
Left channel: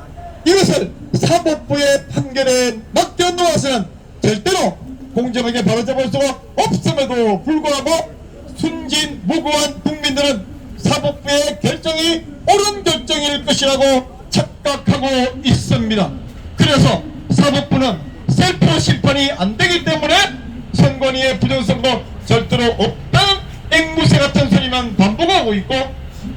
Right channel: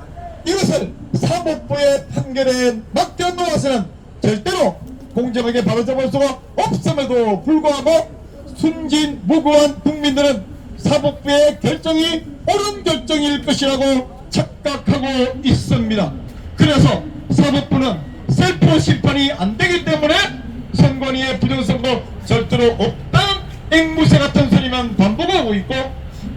이것을 사법부의 판결에 맡겨놓아서는 절대로 공정하게 바로잡을 수가 없음에도 불구하고 순진무구한 국민들은 사법부의 결정이 옳은 결정일 것이라고 착각하고 있습니다. 그래서 사법부는 셀프 심판이 안 되기 때문에 선관위의 부정선거 절대로 없다는 앵무새 같은 소리만 반복하고 있고,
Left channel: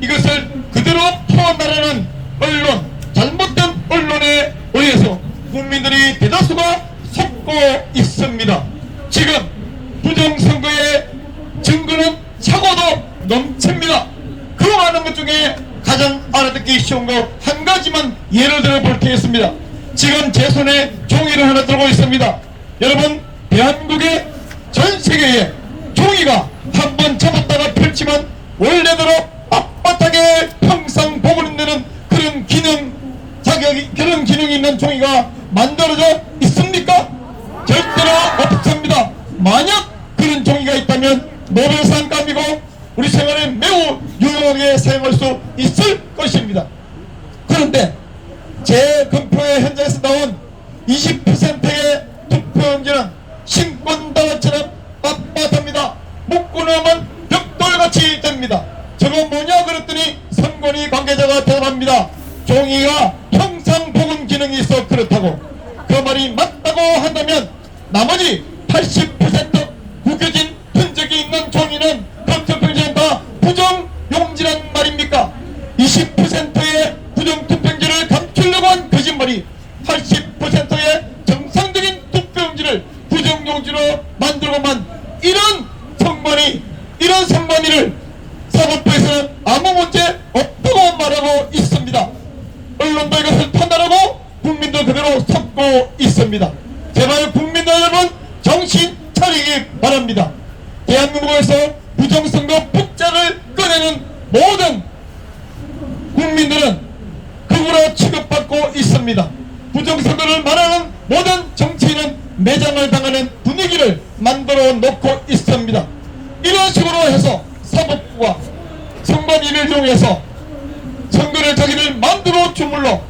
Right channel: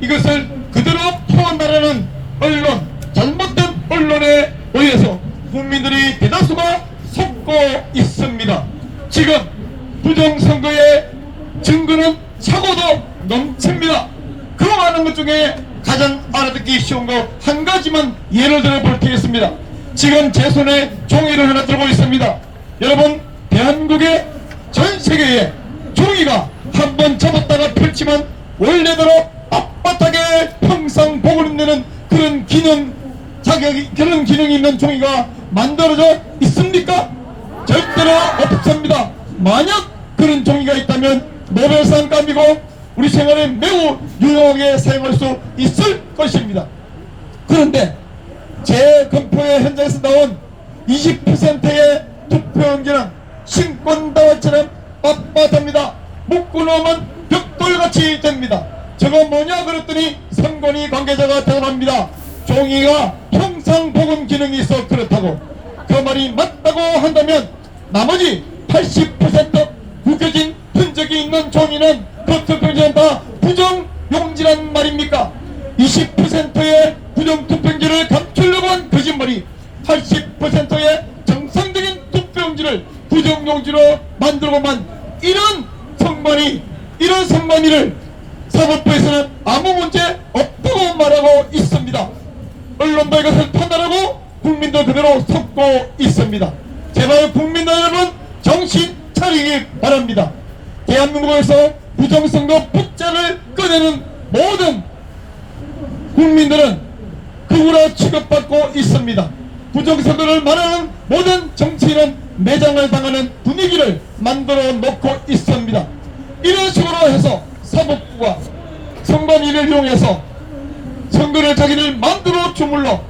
이것을 그대로 퍼나르는 언론, 잘못된 언론에 의해서 국민들이 대다수가 속고 있습니다. 지금 부정선거의 증거는 차고도 넘칩니다. 그 많은 것 중에 가장 알아듣기 쉬운 거 한 가지만 예를 들어 볼 테겠습니다. 지금 제 손에 종이를 하나 들고 있습니다. 여러분, 대한민국의 전 세계에 종이가 한번 접었다가 펼치면 원래대로 빳빳하게 평생 복을 내는 그런 그런 기능이 있는 종이가 만들어져 있습니까? 절대로 없습니다. 만약 그런 종이가 있다면 노벨상감이고 우리 생활에 매우 유용하게 사용할 수 있을 것입니다. 그런데 제 검표의 현장에서 나온 20%의 투표용지는 신권다발처럼 빳빳합니다. 묶어놓으면 벽돌같이 됩니다. 저거 뭐냐 그랬더니 선관위 관계자가 대답합니다. 종이가 평상복음 기능이 있어 그렇다고. 그 말이 맞다고 한다면 나머지 80% 구겨진 흔적이 있는 종이는 그 투표용지는 다 부정용지란 말입니까? 20%의 부정투표용지를 감추려고 한 거짓말이 80%의 정상적인 투표용지를 부정용지로 만들고만 이런 선관위를 사법부에서는 아무 문제 없다고 말하고 있습니다. 언론도 이것을 판단하고 국민도 그대로 속고 있습니다. 제발 국민들 여러분 정신 차리기 바랍니다. 대한민국에서 부정선거 폭자를 꺼내는 모든 국민들은 극우로 취급받고 있습니다. 부정선거를 말하는 모든 정치인은 매장을 당하는 분위기를 만들어 놓고 있습니다. 이런 식으로 해서 사법부가 선관위를 이용해서 선거를 자기를 만들어 주물러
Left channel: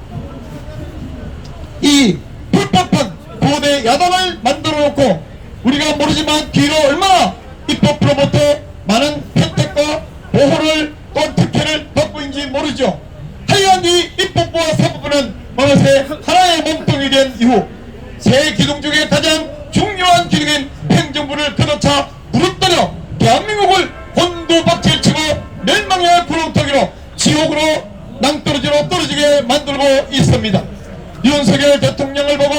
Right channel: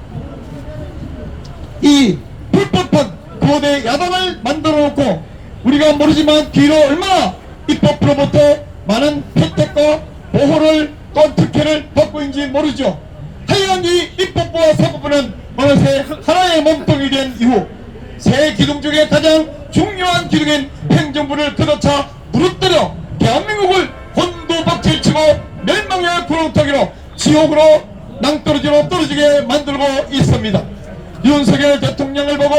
이 불법한 거대 야당을 만들어 놓고 우리가 모르지만 뒤로 얼마나 입법부로부터 많은 혜택과 보호를 또 특혜를 받고 있는지 모르죠. 하여간 이 입법부와 사법부는 어느새 하나의 몸통이 된 이후 세 기둥 중에 가장 중요한 기둥인 행정부를 걷어차 무릎뜨려 대한민국을 곤두박질치고 멸망의 구렁텅이로 지옥으로 낭떠러지로 떨어지게 만들고 있습니다. 윤석열 대통령을 보고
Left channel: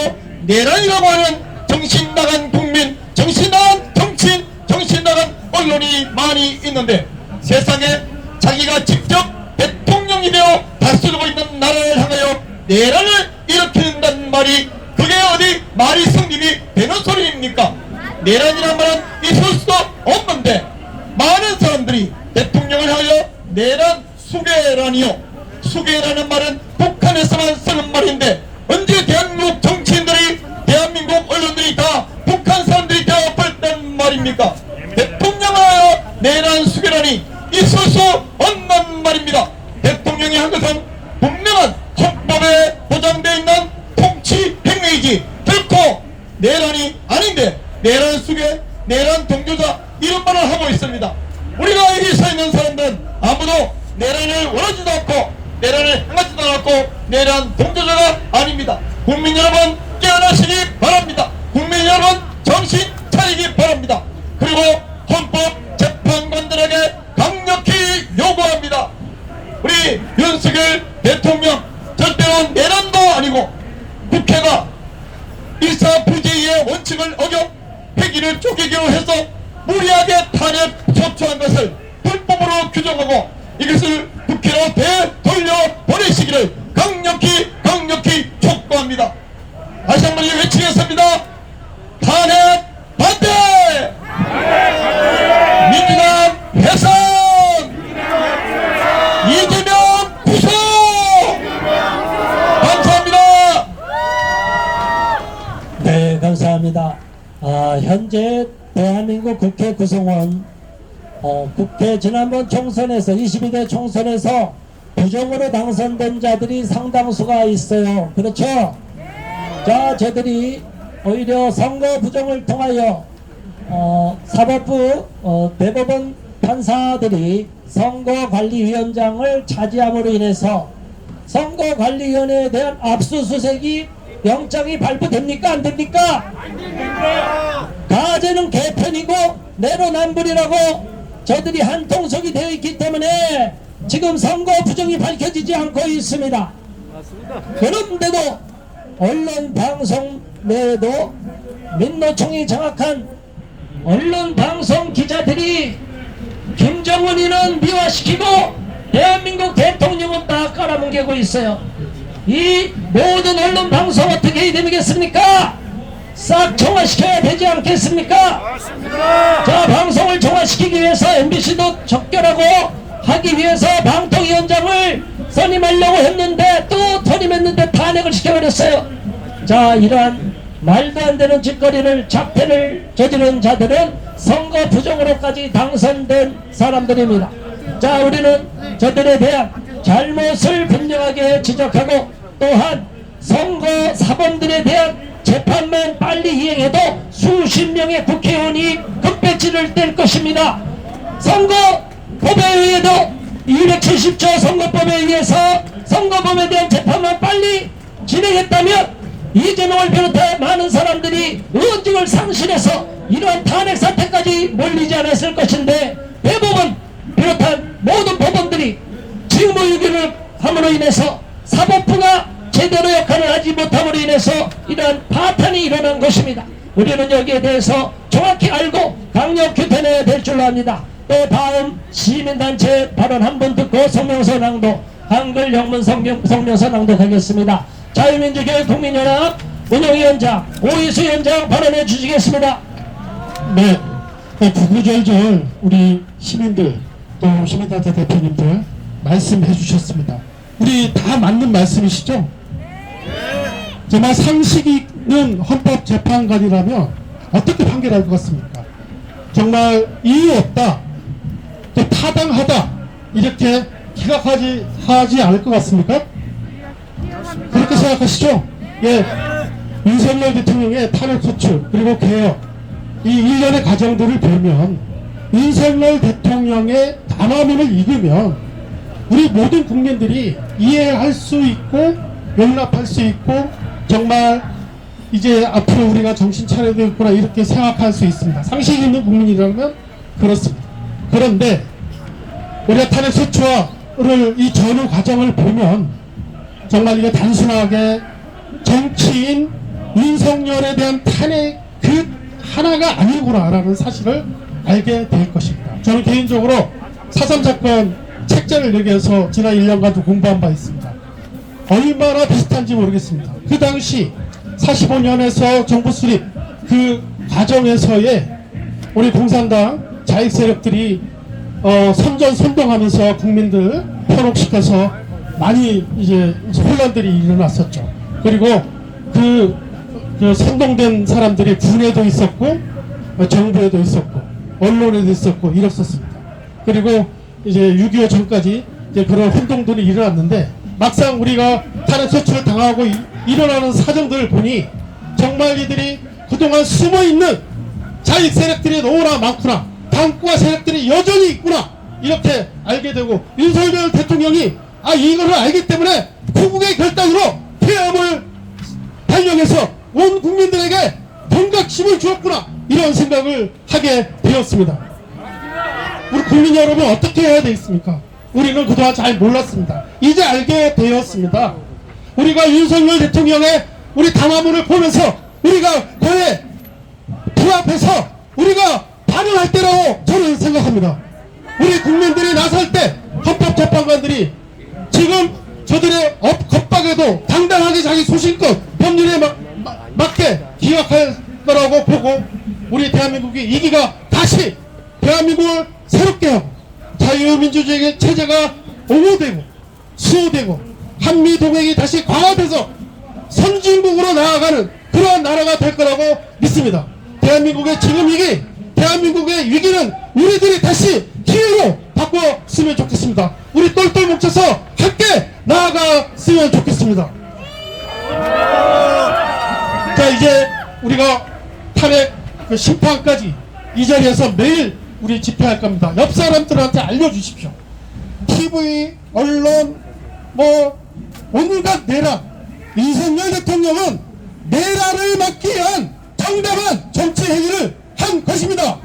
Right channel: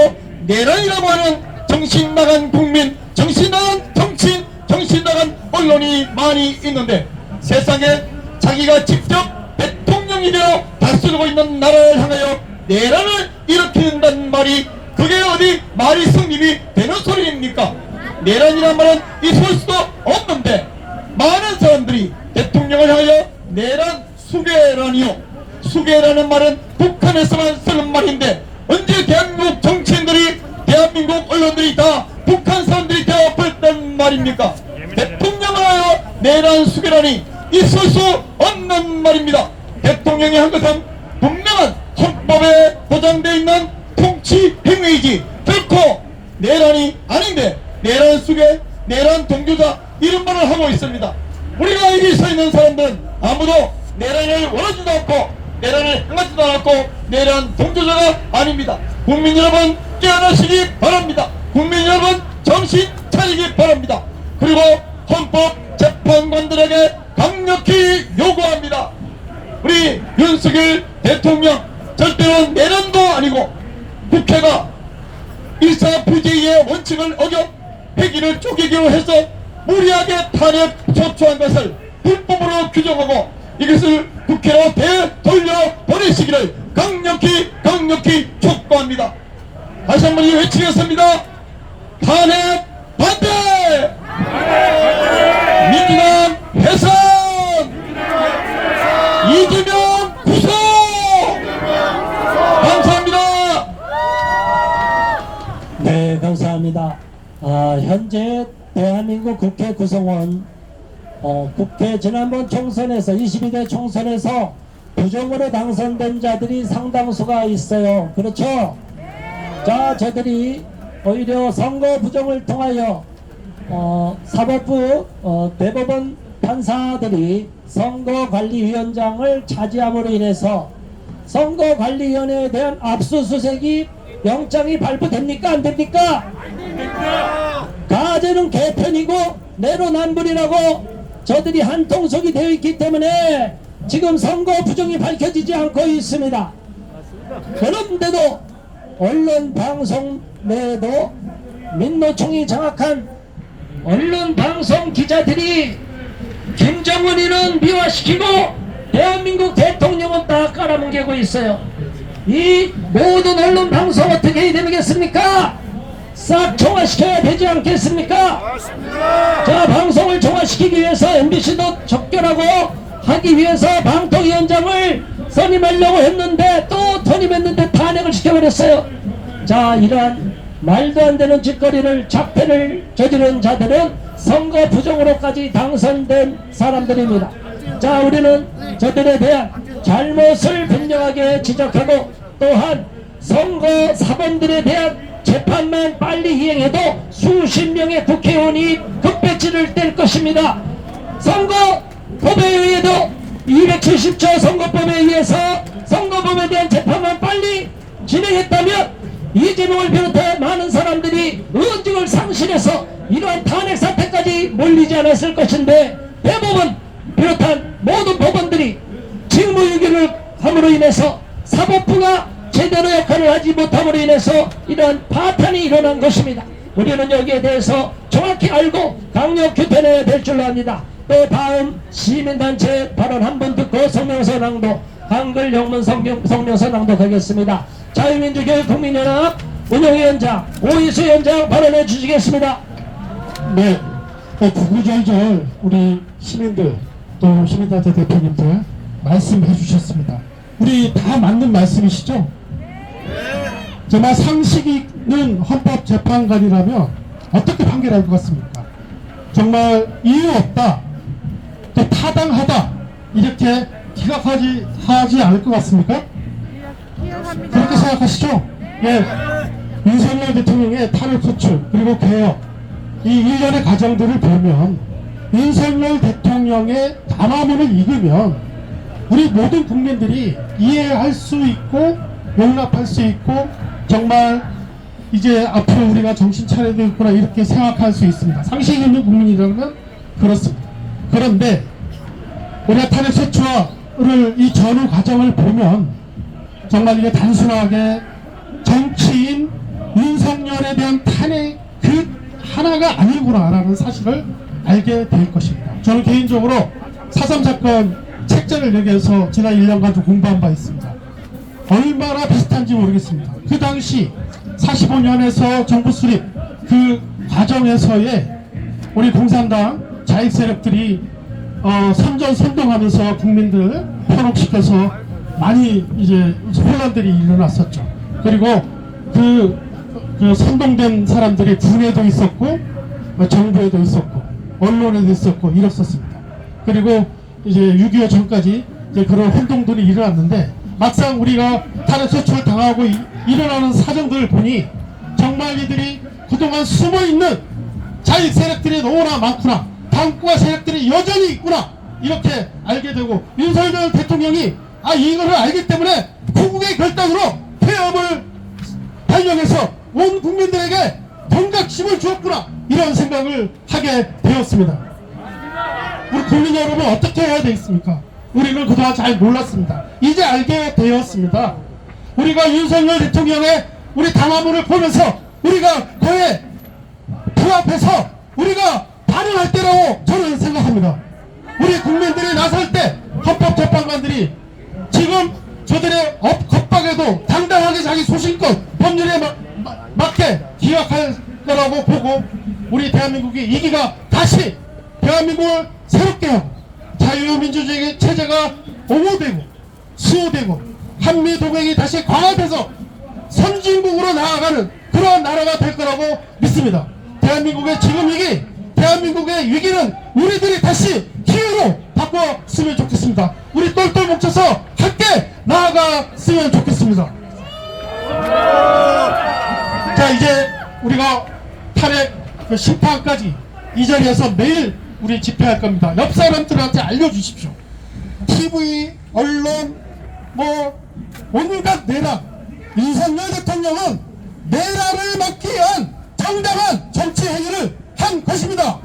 내란이라고 하는 정신 나간 국민, 정신 나간 정치인, 정신 나간 언론이 많이 있는데 세상에 자기가 직접 대통령이 되어 다스리고 있는 나라를 향하여 내란을 일으킨다는 말이 그게 어디 말이 성립이 되는 소리입니까? 내란이란 말은 있을 수도 없는데 많은 사람들이 대통령을 하여 내란 수괴란이요, 수괴라는 말은 북한에서만 쓰는 말인데 언제 대한민국 정치인들이 대한민국 언론들이 다 북한 사람들이 되어버렸단 말입니까? 대통령을 하여 내란 수괴란이 있을 수 없는 말입니다. 대통령이 한 것은 분명한 헌법에 보장되어 있는 통치 행위이지 결코 내란이 아닌데 내란 수괴, 내란 동조자 이런 말을 하고 있습니다. 우리가 여기 서 있는 사람들은 아무도 내란을 원하지도 않고 내란을 행하지도 않았고 내란 동조자가 아닙니다. 국민 여러분 깨어나시기 바랍니다. 국민 여러분 정신 차리기 바랍니다. 그리고 헌법재판관들에게 강력히 요구합니다. 우리 윤석열 대통령 절대로 내란도 아니고 국회가 일사부지의 원칙을 어겨 회기를 쪼개기로 해서 무리하게 탄핵 소추한 것을 불법으로 규정하고 이것을 국회로 되돌려보내시기를 강력히 촉구합니다. 다시 한번 외치겠습니다. 탄핵 반대! 민주당 해산! 이재명 구속! 감사합니다. 네, 감사합니다. 현재 대한민국 국회 구성원 국회 지난번 총선에서 22대 총선에서 부정으로 당선된 자들이 상당수가 있어요. 그렇죠? 자, 저들이 오히려 선거 부정을 통하여 사법부 대법원 판사들이 선거관리위원장을 차지함으로 인해서 선거관리위원회에 대한 압수수색이 영장이 발부됩니까? 안 됩니까? 가제는 개편이고 내로남불이라고 저들이 한통속이 되어 있기 때문에 지금 선거 부정이 밝혀지지 않고 있습니다. 그런데도 언론 방송 내에도 민노총이 장악한 언론 방송 기자들이 김정은이는 미화시키고 대한민국 대통령은 다 깔아먹이고 있어요. 이 모든 언론 방송 어떻게 해야 되겠습니까? 싹 정화시켜야 되지 않겠습니까? 자, 방송을 정화시키기 위해서 MBC도 적결하고 하기 위해서 방통위원장을 선임하려고 했는데 또 선임했는데 탄핵을 시켜버렸어요. 자, 이러한 말도 안 되는 짓거리를 작태를 저지른 자들은 선거 부정으로까지 당선된 사람들입니다. 자, 우리는 저들에 대한 잘못을 분명하게 지적하고 또한 선거 사범들에 대한 재판만 빨리 이행해도 수십 명의 국회의원이 급배지를 뗄 것입니다. 선거법에 의해도 270조 선거법에 의해서 선거법에 대한 재판만 빨리 진행했다면 이재명을 비롯한 많은 사람들이 의혹을 상실해서 이러한 탄핵 사태까지 몰리지 않았을 것인데 대법원 비롯한 모든 법원들이 직무유기를 함으로 인해서 사법부가 제대로 역할을 하지 못함으로 인해서 이러한 파탄이 일어난 것입니다. 우리는 여기에 대해서 정확히 알고 강력 규탄해야 될 줄로 압니다. 또 다음 시민단체 발언 한 번 듣고 성명서 낭독, 한글 영문 성명서 낭독하겠습니다. 자유민주교육국민연합 운영위원장 오이수 위원장 발언해 주시겠습니다. 네, 구구절절 우리 시민들 또 시민단체 대표님들 말씀해 주셨습니다. 우리 다 맞는 말씀이시죠? 정말 상식 있는 헌법재판관이라면 어떻게 판결할 것 같습니까? 정말 이유 없다, 또 타당하다 이렇게 기각하지 않을 것 같습니까? 그렇게 생각하시죠? 예, 윤석열 대통령의 탄핵 소추 그리고 개혁 이 일련의 과정들을 보면 윤석열 대통령의 담화문을 읽으면 우리 모든 국민들이 이해할 수 있고 용납할 수 있고 정말 이제 앞으로 우리가 정신 차려야 되겠구나 이렇게 생각할 수 있습니다. 상식 있는 국민이라면 그렇습니다. 그런데 우리가 탄핵 소추를 이 전후 과정을 보면 정말 이게 단순하게 정치인 윤석열에 대한 탄핵 그 하나가 아니구나라는 사실을 알게 될 것입니다. 저는 개인적으로 4.3 사건 책자를 여기에서 지난 1년간 공부한 바 있습니다. 얼마나 비슷한지 모르겠습니다. 그 당시 45년에서 정부 수립 그 과정에서의 우리 공산당 자익 세력들이 선전선동하면서 국민들 편혹시켜서 많이 이제 혼란들이 일어났었죠. 그리고 그 선동된 사람들이 군에도 있었고 정부에도 있었고 언론에도 있었고 이랬었습니다. 그리고 이제 6.25 전까지 이제 그런 혼동들이 일어났는데 막상 우리가 탄핵 소추를 당하고 일어나는 사정들을 보니 정말 이들이 그동안 숨어있는 자익 세력들이 너무나 많구나. 당과 세력들이 여전히 있구나 이렇게 알게 되고, 윤석열 대통령이 이거를 알기 때문에 후국의 결단으로 폐암을 발령해서 온 국민들에게 경각심을 주었구나 이런 생각을 하게 되었습니다. 우리 국민 여러분 어떻게 해야 되겠습니까? 우리는 그동안 잘 몰랐습니다. 이제 알게 되었습니다. 우리가 윤석열 대통령의 우리 담화문을 보면서 우리가 그에 부합해서 우리가 반응할 때라고 저는 생각합니다. 우리 국민들이 나설 때 헌법재판관들이 지금 저들의 겁박에도 당당하게 자기 소신껏 법률에 맞게 기각할 거라고 보고, 우리 대한민국이 이기가 다시 대한민국을 새롭게 하고 자유민주주의 체제가 옹호되고 수호되고 한미동맹이 다시 강화돼서 선진국으로 나아가는 그런 나라가 될 거라고 믿습니다. 대한민국의 지금 위기, 대한민국의 위기는 우리들이 다시 기회로 바꿨으면 좋겠습니다. 우리 똘똘 뭉쳐서 함께 나아갔으면 좋겠습니다. 자, 이제 우리가 탄핵 심판까지 이 자리에서 매일 우리 집회할 겁니다. 옆 사람들한테 알려주십시오. TV, 언론, 온갖 내라. 윤석열 대통령은 내라를 막기 위한 정당한 정치 행위를 한 것입니다.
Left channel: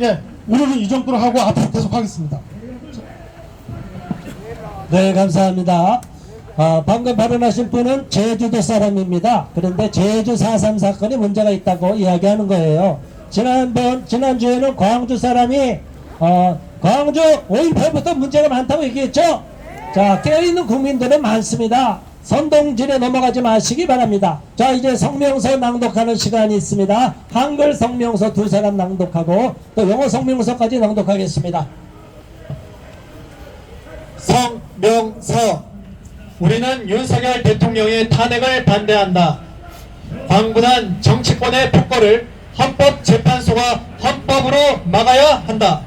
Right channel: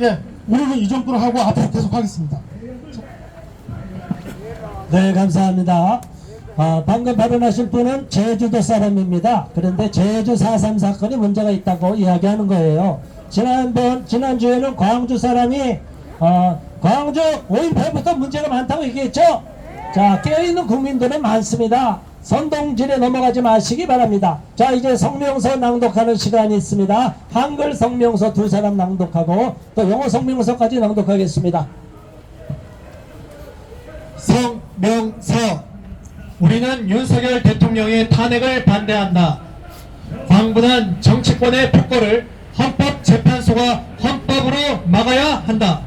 예, 오늘은 이 정도로 하고 앞으로 계속 하겠습니다. 네, 감사합니다. 방금 발언하신 분은 제주도 사람입니다. 그런데 제주 4.3 사건이 문제가 있다고 이야기하는 거예요. 지난주에는 광주 사람이 광주 5.18부터 문제가 많다고 얘기했죠. 자, 깨어있는 국민들은 많습니다. 선동질에 넘어가지 마시기 바랍니다. 자, 이제 성명서 낭독하는 시간이 있습니다. 한글 성명서 2사람 낭독하고 또 영어 성명서까지 낭독하겠습니다. 성명서. 우리는 윤석열 대통령의 탄핵을 반대한다. 광분한 정치권의 폭거를 헌법재판소가 헌법으로 막아야 한다.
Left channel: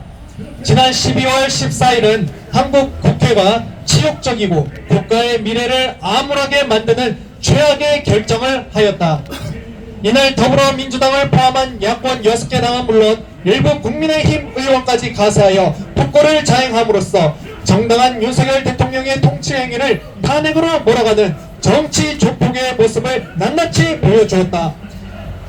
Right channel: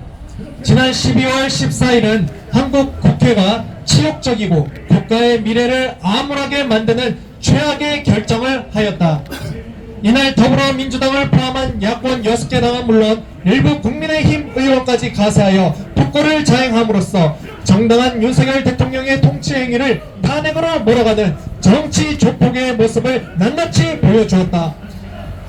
지난 12월 14일은 한국 국회가 치욕적이고 국가의 미래를 암울하게 만드는 최악의 결정을 하였다. 이날 더불어민주당을 포함한 야권 6개 당은 물론 일부 국민의힘 의원까지 가세하여 폭거를 자행함으로써 정당한 윤석열 대통령의 통치 행위를 탄핵으로 몰아가는 정치 조폭의 모습을 낱낱이 보여주었다.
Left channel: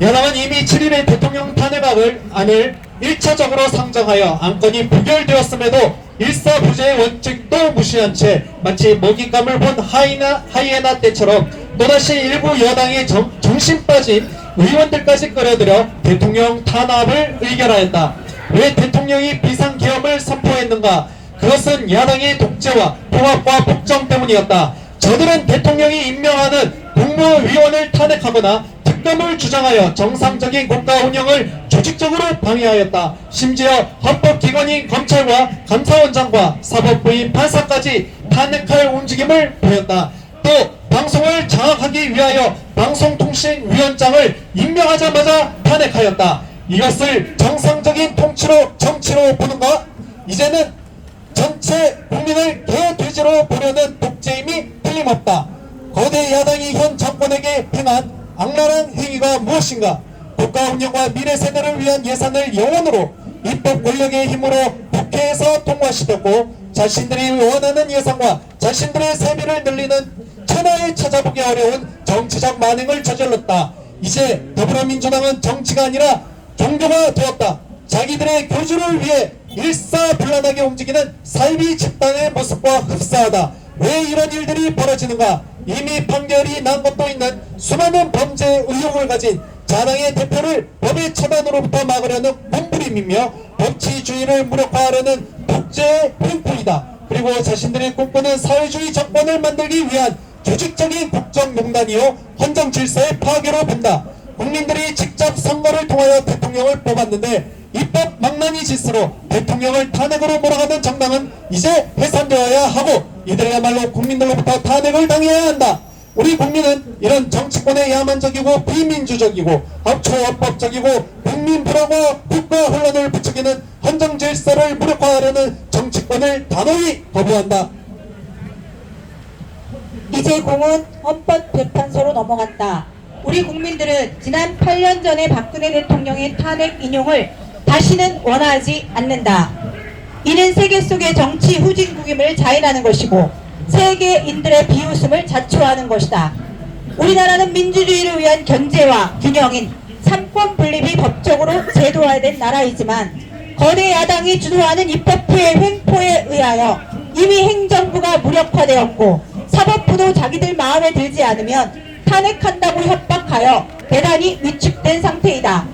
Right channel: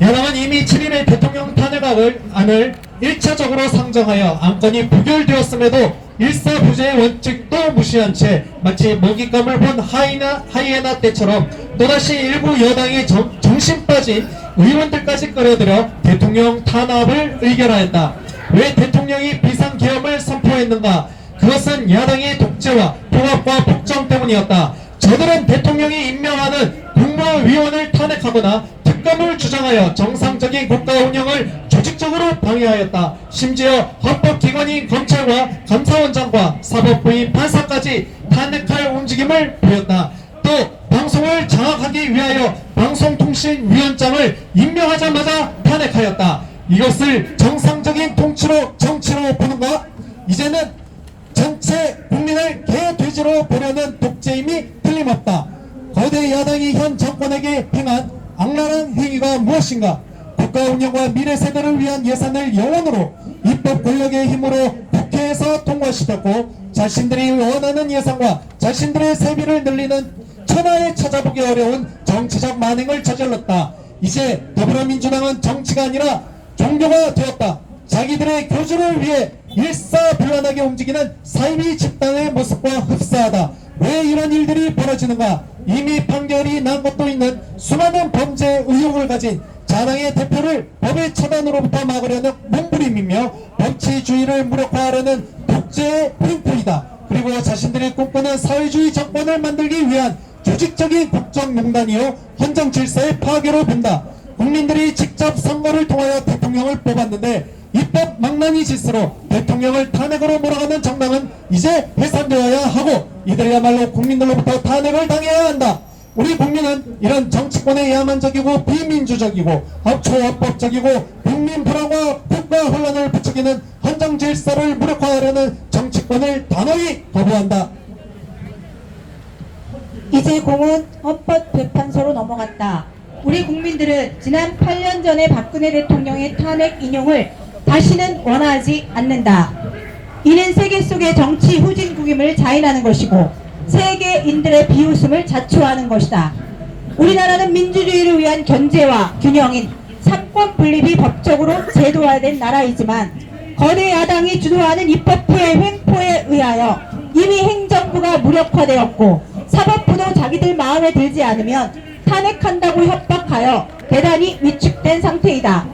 야당은 이미 7일에 대통령 탄핵안을 1차적으로 상정하여 안건이 부결되었음에도 일사부재의 원칙도 무시한 채 마치 먹잇감을 본 하이에나 때처럼 또다시 일부 여당의 정신 빠진 의원들까지 끌어들여 대통령 탄압을 의결하였다. 왜 대통령이 비상계엄을 선포했는가? 그것은 야당의 독재와 통합과 폭정 때문이었다. 저들은 대통령이 임명하는 국무위원을 탄핵하거나 특검을 주장하여 정상적인 국가 운영을 조직적으로 방해하였다. 심지어 헌법기관인 검찰과 감사원장과 사법부인 판사까지 탄핵할 움직임을 보였다. 또 방송을 장악하기 위하여 방송통신위원장을 임명하자마자 탄핵하였다. 이것을 정상적인 통치로 정치로 보는가? 이제는 전체 국민을 개돼지로 보려는 독재임이 틀림없다. 거대 야당이 현 정권에게 행한 악랄한 행위가 무엇인가? 국가 운영과 미래 세대를 위한 예산을 영원으로 입법 권력의 힘으로 국회에서 통과시켰고, 자신들이 원하는 예산과 자신들의 세비를 늘리는 천하에 찾아보기 어려운 정치적 만행을 저질렀다. 이제 더불어민주당은 정치가 아니라 종교가 되었다. 자기들의 교주를 위해 일사불란하게 움직이는 사이비 집단의 모습과 흡사하다. 왜 이런 일들이 벌어지는가? 이미 판결이 난 것도 있는 수많은 범죄 의혹을 가진 자당의 대표를 법의 처단으로부터 막으려는 몸부림이며 법치주의를 무력화하려는 독재의 횡포이다. 그리고 자신들이 꿈꾸는 사회주의 정권을 만들기 위한 조직적인 국정농단이요 헌정질서의 파괴로 본다. 국민들이 직접 선거를 통하여 대통령을 뽑았는데 입법 망나니 짓으로 대통령을 탄핵으로 몰아가는 정당은 이제 해산되어야 하고, 이들이야말로 국민들로부터 탄핵을 당해야 한다. 우리 국민은 이런 정치권의 야만적이고 비민주적이고 초합법적이고 국민 불안과 국가 혼란을 부추기는 헌정질서를 무력화하려는 정치권을 단호히 거부한다. 이제 공은 헌법재판소로 넘어간다. 우리 국민들은 지난 8년 전에 박근혜 대통령의 탄핵 인용을 다시는 원하지 않는다. 이는 세계 속의 정치 후진국임을 자인하는 것이고 세계인들의 비웃음을 자초하는 것이다. 우리나라는 민주주의를 위한 견제와 균형인 삼권 분립이 법적으로 제도화된 나라이지만 거대 야당이 주도하는 입법부의 횡포에 의하여 이미 행정부가 무력화되었고 사법부도 자기들 마음에 들지 않으면 탄핵한다고 협박하여 대단히 위축된 상태이다.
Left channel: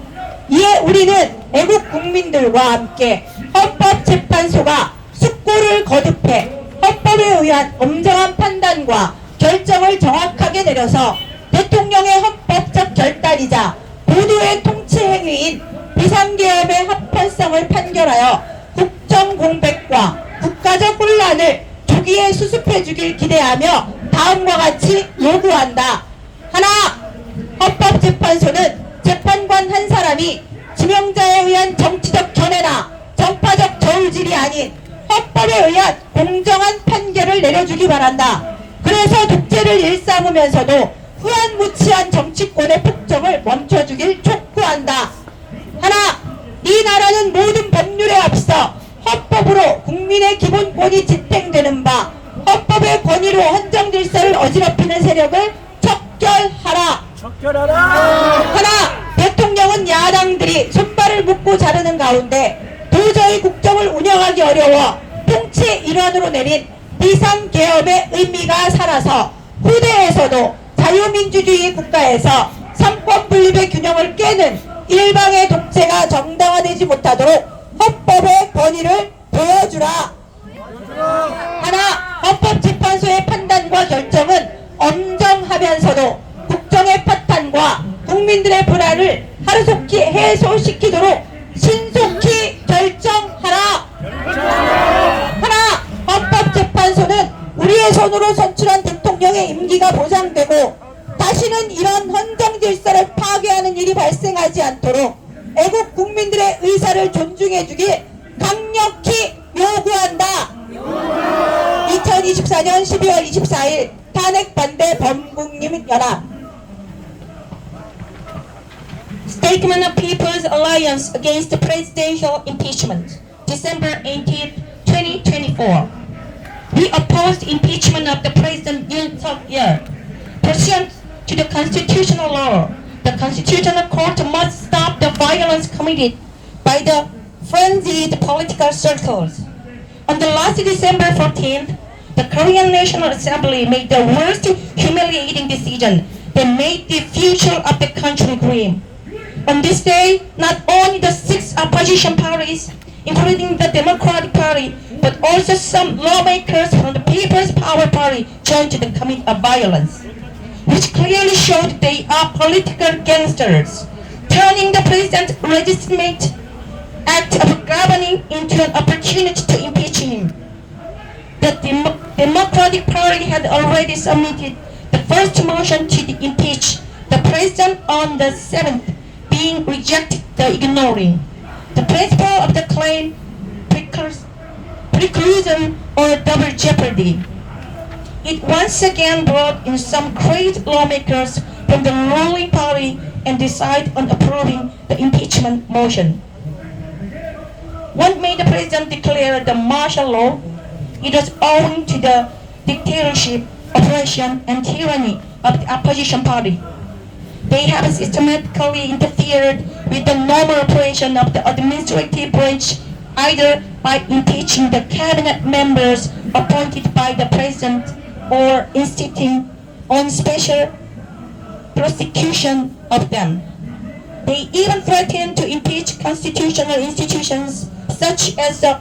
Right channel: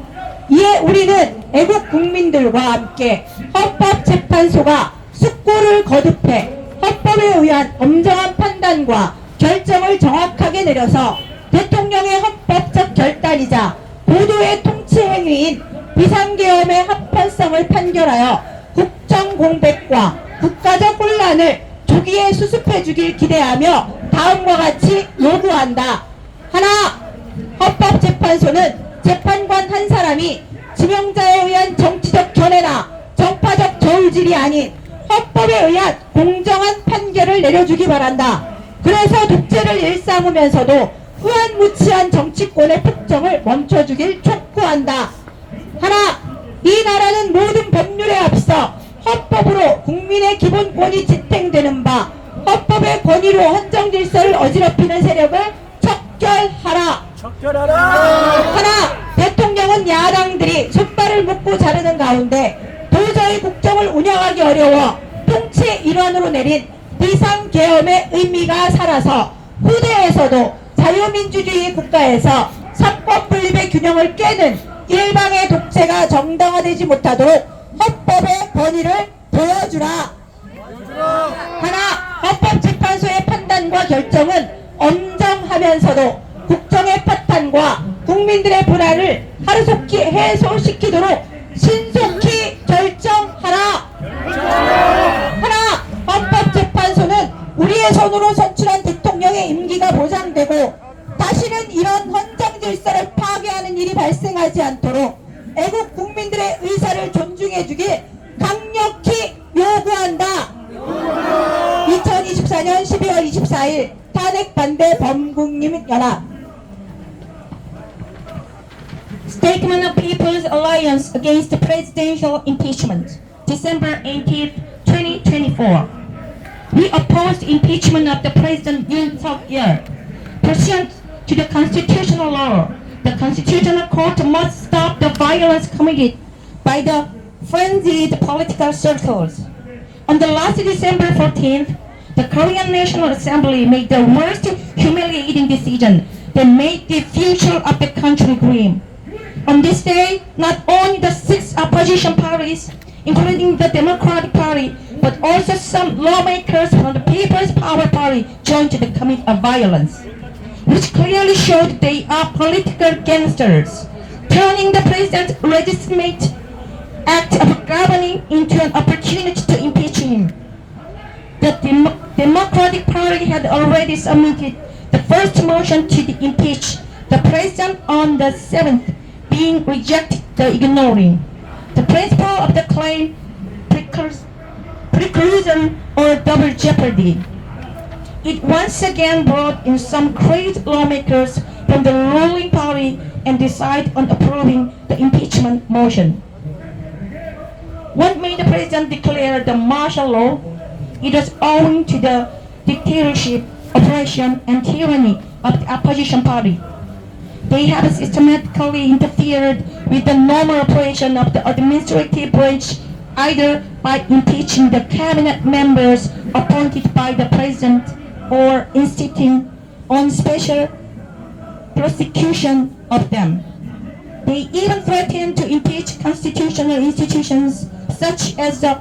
이에 우리는 애국 국민들과 함께 헌법재판소가 숙고를 거듭해 헌법에 의한 엄정한 판단과 결정을 정확하게 내려서 대통령의 헌법적 결단이자 모두의 통치 행위인 비상계엄의 합헌성을 판결하여 국정공백과 국가적 혼란을 조기에 수습해주길 기대하며 다음과 같이 요구한다. 하나, 헌법재판소는 재판관 한 사람이 지명자에 의한 정치적 견해나 정파적 저울질이 아닌 헌법에 의한 공정한 판결을 내려주기 바란다. 그래서 독재를 일삼으면서도 후한무치한 정치권의 폭정을 멈춰주길 촉구한다. 하나, 이 나라는 모든 법률에 앞서 헌법으로 국민의 기본권이 집행되는 바 헌법의 권위로 헌정질서를 어지럽히는 세력을 척결하라. 하나, 대통령은 야당들이 손발을 묶고 자르는 가운데 도저히 국정을 운영하기 어려워 통치의 일환으로 내린 비상계엄의 의미가 살아서 후대에서도 자유민주주의 국가에서 삼권분립의 균형을 깨는 일방의 독재가 정당화되지 못하도록 헌법의 권위를 보여주라. 하나, 헌법재판소의 판단과 결정은 엄정하면서도 국정의 파탄과 국민들의 불안을 하루속히 해소시키도록 신속히 결정하라. 하나, 헌법재판소는 우리의 손으로 선출한 대통령의 임기가 보장되고 다시는 이런 헌정질서를 파괴하는 일이 발생하지 않도록 애국 국민들의 의사를 존중해주길 강력히 요구한다. 2024년 12월 24일 탄핵 반대 범국민연합 Statement of People's Alliance Against Presidential Impeachment, December 18, 2024. We oppose the impeachment of the President Yoon Suk-yeol. Pursuant to the constitutional law, the Constitutional Court must stop the violence committed by the frenzied political circles. On the last December 14th, the Korean National Assembly made the worst humiliating decision that made the future of the country grim. On this day, not only the 6 opposition parties, including the Democratic Party, but also some lawmakers from the People's Power Party joined to the commit of violence, which clearly showed they are political gangsters, turning the president's legitimate act of governing into an opportunity to impeach him. The Democratic Party had already submitted the first motion to impeach the president on the 7th, being rejected, the ignoring. The principle of the claim preclusion or double jeopardy. It once again brought in some great lawmakers from the ruling party and decided on approving the impeachment motion. What made the president declare the martial law? It was owing to the dictatorship, oppression, and tyranny of the opposition party. They have systematically interfered with the normal operation of the administrative branch, either by impeaching the cabinet members appointed by the president or insisting on special prosecution of them. They even threatened to impeach constitutional institutions such as the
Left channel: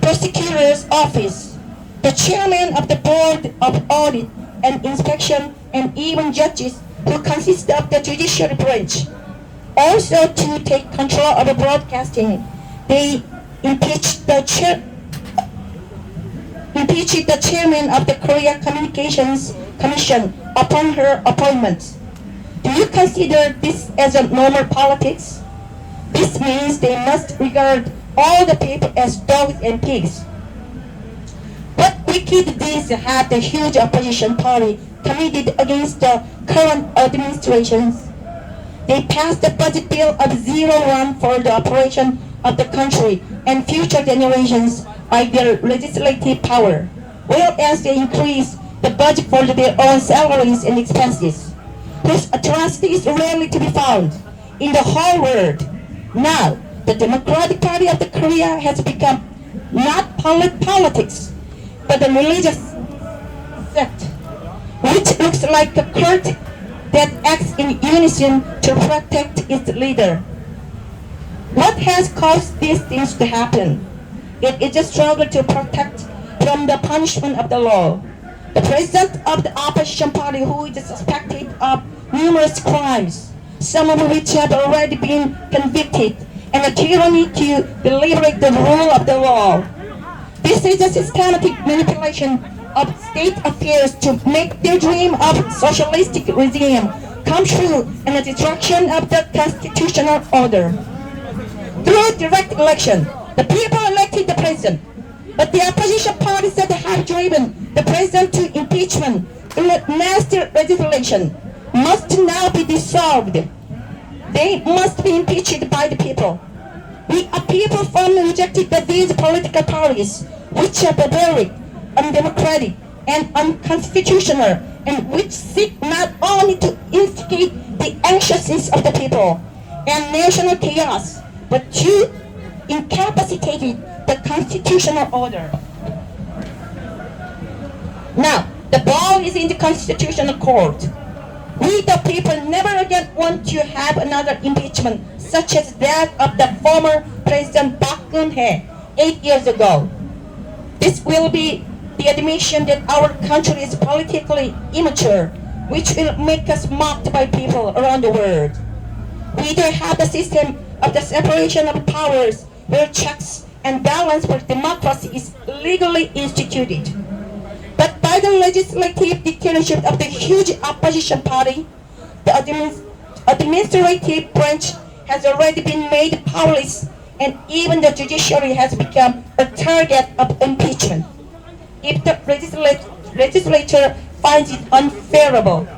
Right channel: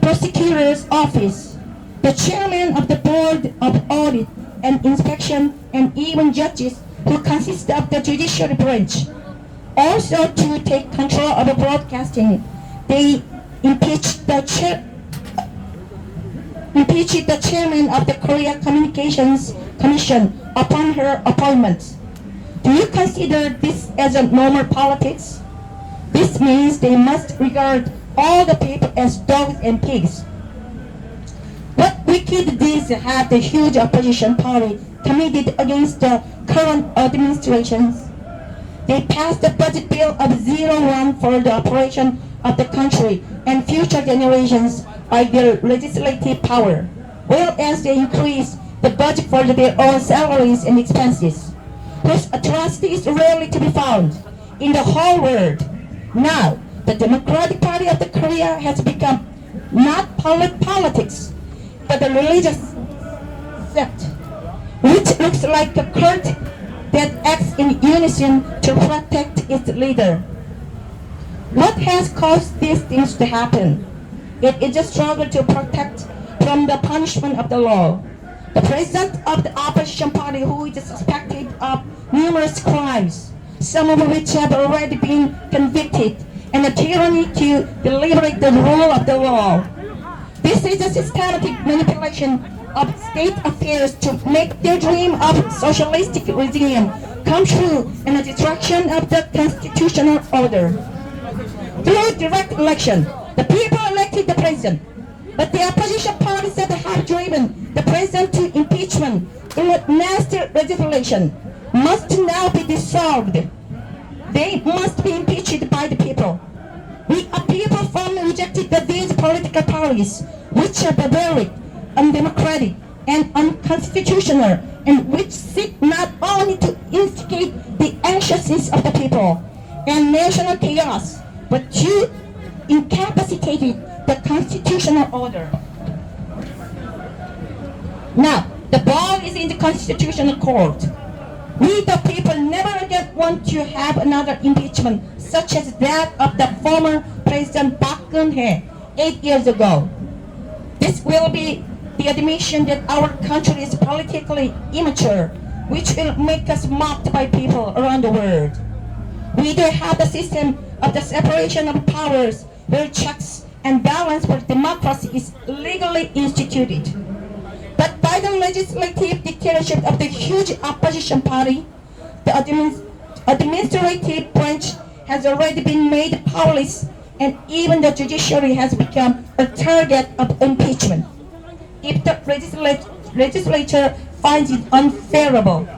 prosecutor's office, the chairman of the board of audit and inspection, and even judges who consist of the judiciary branch. Also, to take control of the broadcasting, they impeached the chairman of the Korea Communications Commission upon her appointment. Do you consider this as a normal politics? This means they must regard all the people as dogs and pigs. What wicked deeds had the huge opposition party committed against the current administrations. They passed the budget bill of $0 for the operation of the country and future generations by their legislative power, whereas they increased the budget for their own salaries and expenses, whose atrocities rarely to be found in the whole world. Now, the Democratic Party of the Korea has become not politics, but a religious sect, which looks like a cult that acts in unison to protect its leader. What has caused these things to happen? It is a struggle to protect from the punishment of the law. The president of the opposition party, who is suspected of numerous crimes, some of which have already been convicted, and a tyranny to liberate the rule of the law. This is a systematic manipulation of state affairs to make their dream of socialistic regime come true and the destruction of the constitutional order. Through direct election, the people elected the president, but the opposition parties that have driven the president to impeachment through master legislation must now be dissolved. They must be impeached by the people. We a people firmly rejected that these political parties, which are barbaric, undemocratic, and unconstitutional, and which seek not only to instigate the anxiousness of the people and national chaos, but to incapacitate the constitutional order. Now, the ball is in the constitutional court. We the people never again want to have another impeachment such as that of the former President Park Geun-hye 8 years ago. This will be the admission that our country is politically immature, which will make us mocked by people around the world. We do have the system of the separation of powers where checks and balance for democracy is legally instituted. But by the legislative dictatorship of the huge opposition party, the administrative branch has already been made powerless, and even the judiciary has become a target of impeachment if the legislature finds it unfavorable.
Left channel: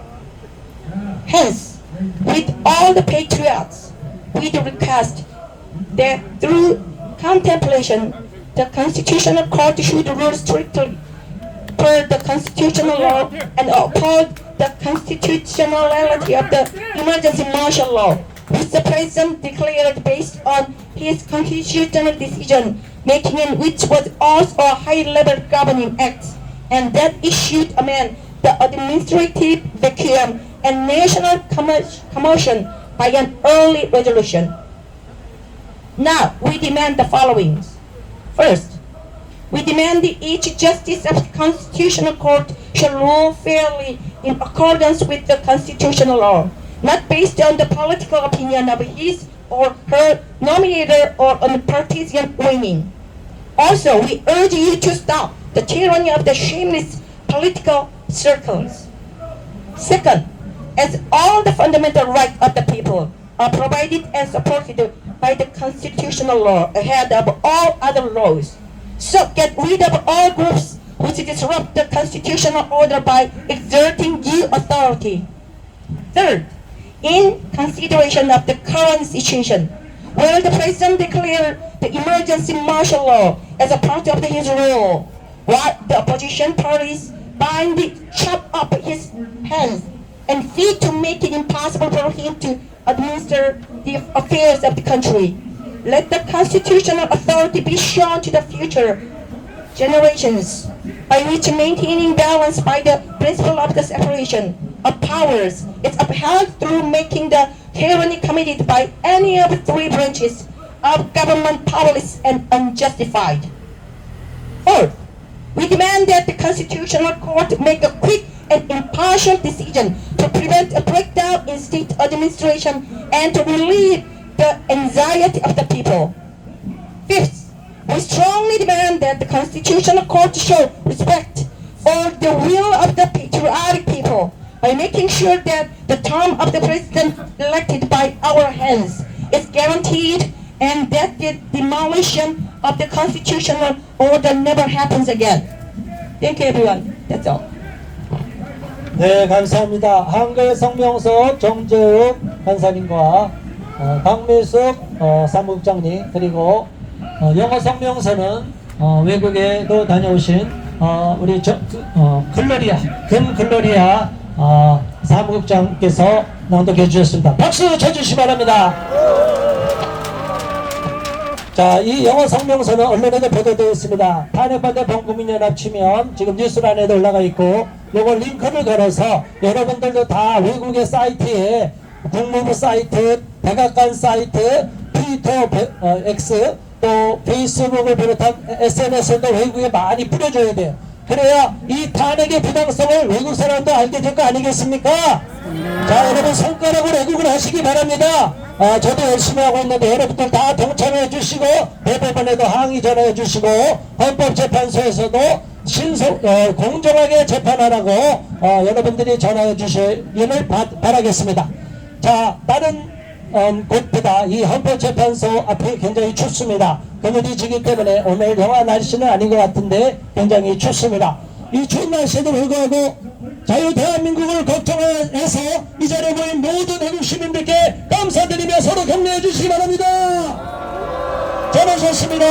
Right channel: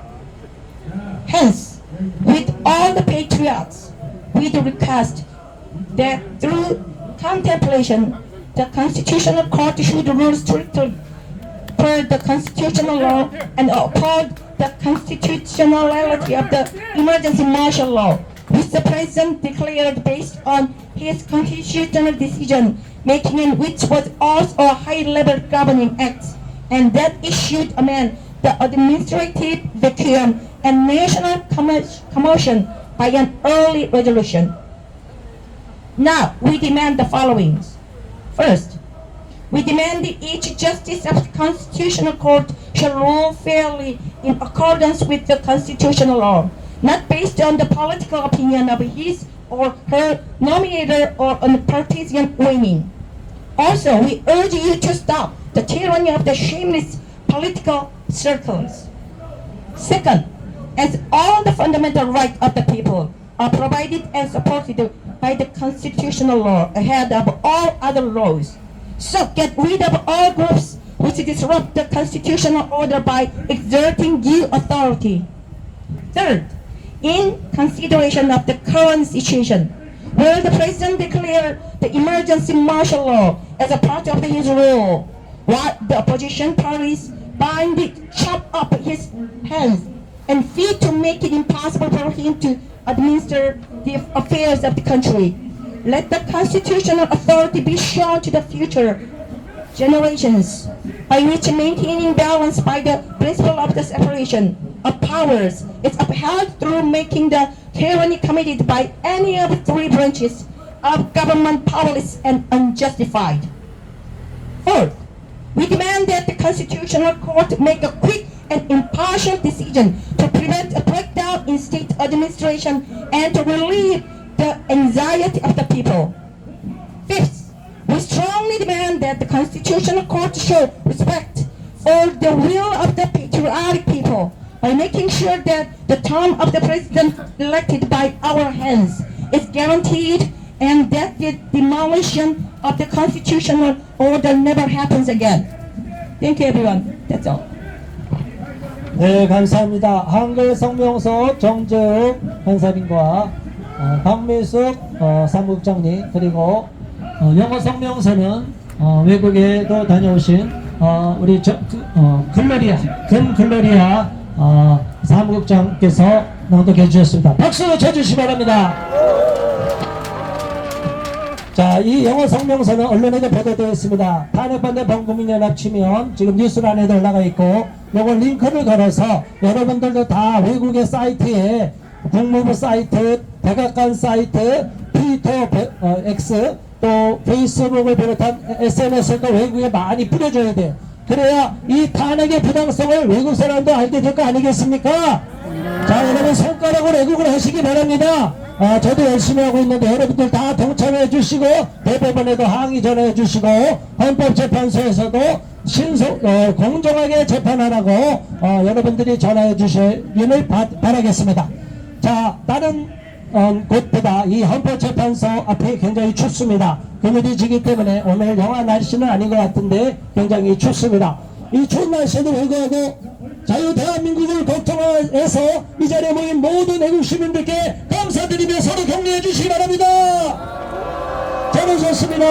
Hence, with all the patriots, we do request that through contemplation, the Constitutional Court should rule strictly per the constitutional law and uphold the constitutionality of the emergency martial law, which the President declared based on his constitutional decision making, and which was also a high-level governing act, and that it should amend the administrative vacuum and national commotion by an early resolution. Now, we demand the following. First, we demand that each justice of the Constitutional Court shall rule fairly in accordance with the constitutional law, not based on the political opinion of his or her nominator or on partisan leaning. Also, we urge you to stop the tyranny of the shameless political circles. Second, as all the fundamental rights of the people are provided and supported by the constitutional law ahead of all other laws, so get rid of all groups which disrupt the constitutional order by exerting due authority. Third, in consideration of the current situation, where the President declared the emergency martial law as a part of his rule, while the opposition parties blindly chop up his hands and feet to make it impossible for him to administer the affairs of the country. Let the constitutional authority be shown to the future generations, by which maintaining balance by the principle of the separation of powers is upheld through making the tyranny committed by any of the three branches of government powerless and unjustified. Fourth, we demand that the Constitutional Court make a quick and impartial decision to prevent a breakdown in state administration and to relieve the anxiety of the people. Fifth, we strongly demand that the Constitutional Court show respect for the will of the patriotic people by making sure that the term of the President elected by our hands is guaranteed and that the demolition of the constitutional order never happens again. Thank you, everyone. That's all. 네, 감사합니다. 한글 성명서 정재욱 간사님과 강민숙 사무국장님, 그리고 영어 성명서는 외국에도 다녀오신 우리 금글로리아 사무국장께서 낭독해 주셨습니다. 박수 쳐주시기 바랍니다. 자, 이 영어 성명서는 언론에도 보도되어 있습니다. 탄핵반대 범국민연합 치면 지금 뉴스란에도 올라가 있고, 요거 링크를 걸어서 여러분들도 다 외국의 사이트에 국무부 사이트, 백악관 사이트, 트위터 X, 또 페이스북을 비롯한 SNS도 외국에 많이 뿌려줘야 돼요. 그래야 이 탄핵의 부당성을 외국 사람도 알게 될 거 아니겠습니까? 자, 여러분 손가락으로 애국을 하시기 바랍니다. 저도 열심히 하고 있는데 여러분들 다 동참해 주시고, 대법원에도 항의 전해 주시고, 헌법재판소에서도 공정하게 재판하라고 여러분들이 전해 주시기를 바라겠습니다. 자, 다른 곳보다 이 헌법재판소 앞이 굉장히 춥습니다. 그늘이 지기 때문에 오늘 영하 날씨는 아닌 것 같은데 굉장히 춥습니다. 이 추운 날씨에도 불구하고 자유 대한민국을 걱정해서 이 자리에 모인 모든 외국 시민들께 감사드리며 서로 격려해 주시기 바랍니다. 잘하셨습니다.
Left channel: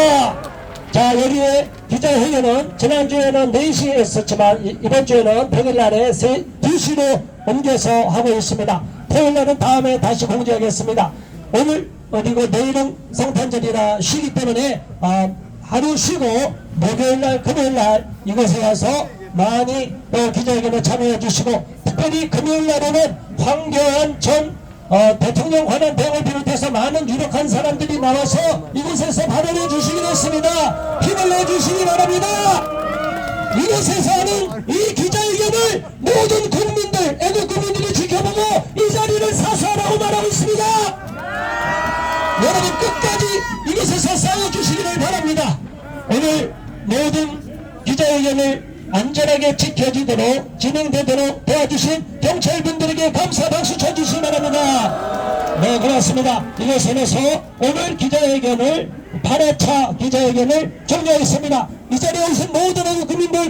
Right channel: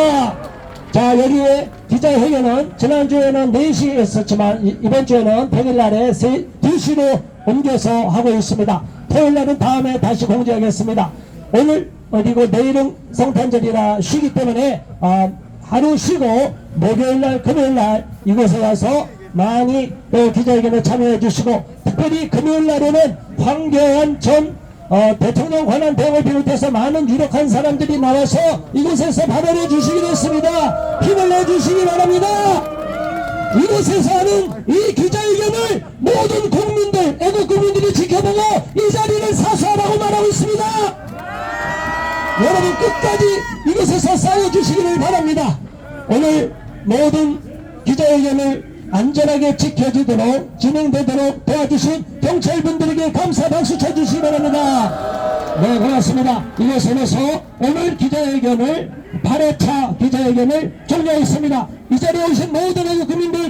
자, 여기에 기자회견은 지난주에는 4시에 했었지만 이번 주에는 평일날에 2시로 옮겨서 하고 있습니다. 토요일날은 다음에 다시 공지하겠습니다. 오늘 그리고 내일은 성탄절이라 쉬기 때문에 하루 쉬고 목요일날 금요일날 이곳에 와서 많이 또 기자회견에 참여해 주시고, 특별히 금요일날에는 황교안 전 대통령 관련 대응을 비롯해서 많은 유력한 사람들이 나와서 이곳에서 발언해 주시기로 했습니다. 힘을 내주시기 바랍니다. 이곳에서 하는 이 기자회견을 모든 국민들, 애국 국민들이 지켜보고 이 자리를 사수하라고 말하고 있습니다. 여러분 끝까지 이곳에서 싸워주시기를 바랍니다. 오늘 모든 기자회견을 안전하게 지켜지도록 진행되도록 도와주신 경찰분들에게 감사 박수 쳐주시기 바랍니다. 네, 고맙습니다. 이곳에서 오늘 기자회견을 8회차 기자회견을 종료하겠습니다. 이 자리에 오신 모든 애국 국민들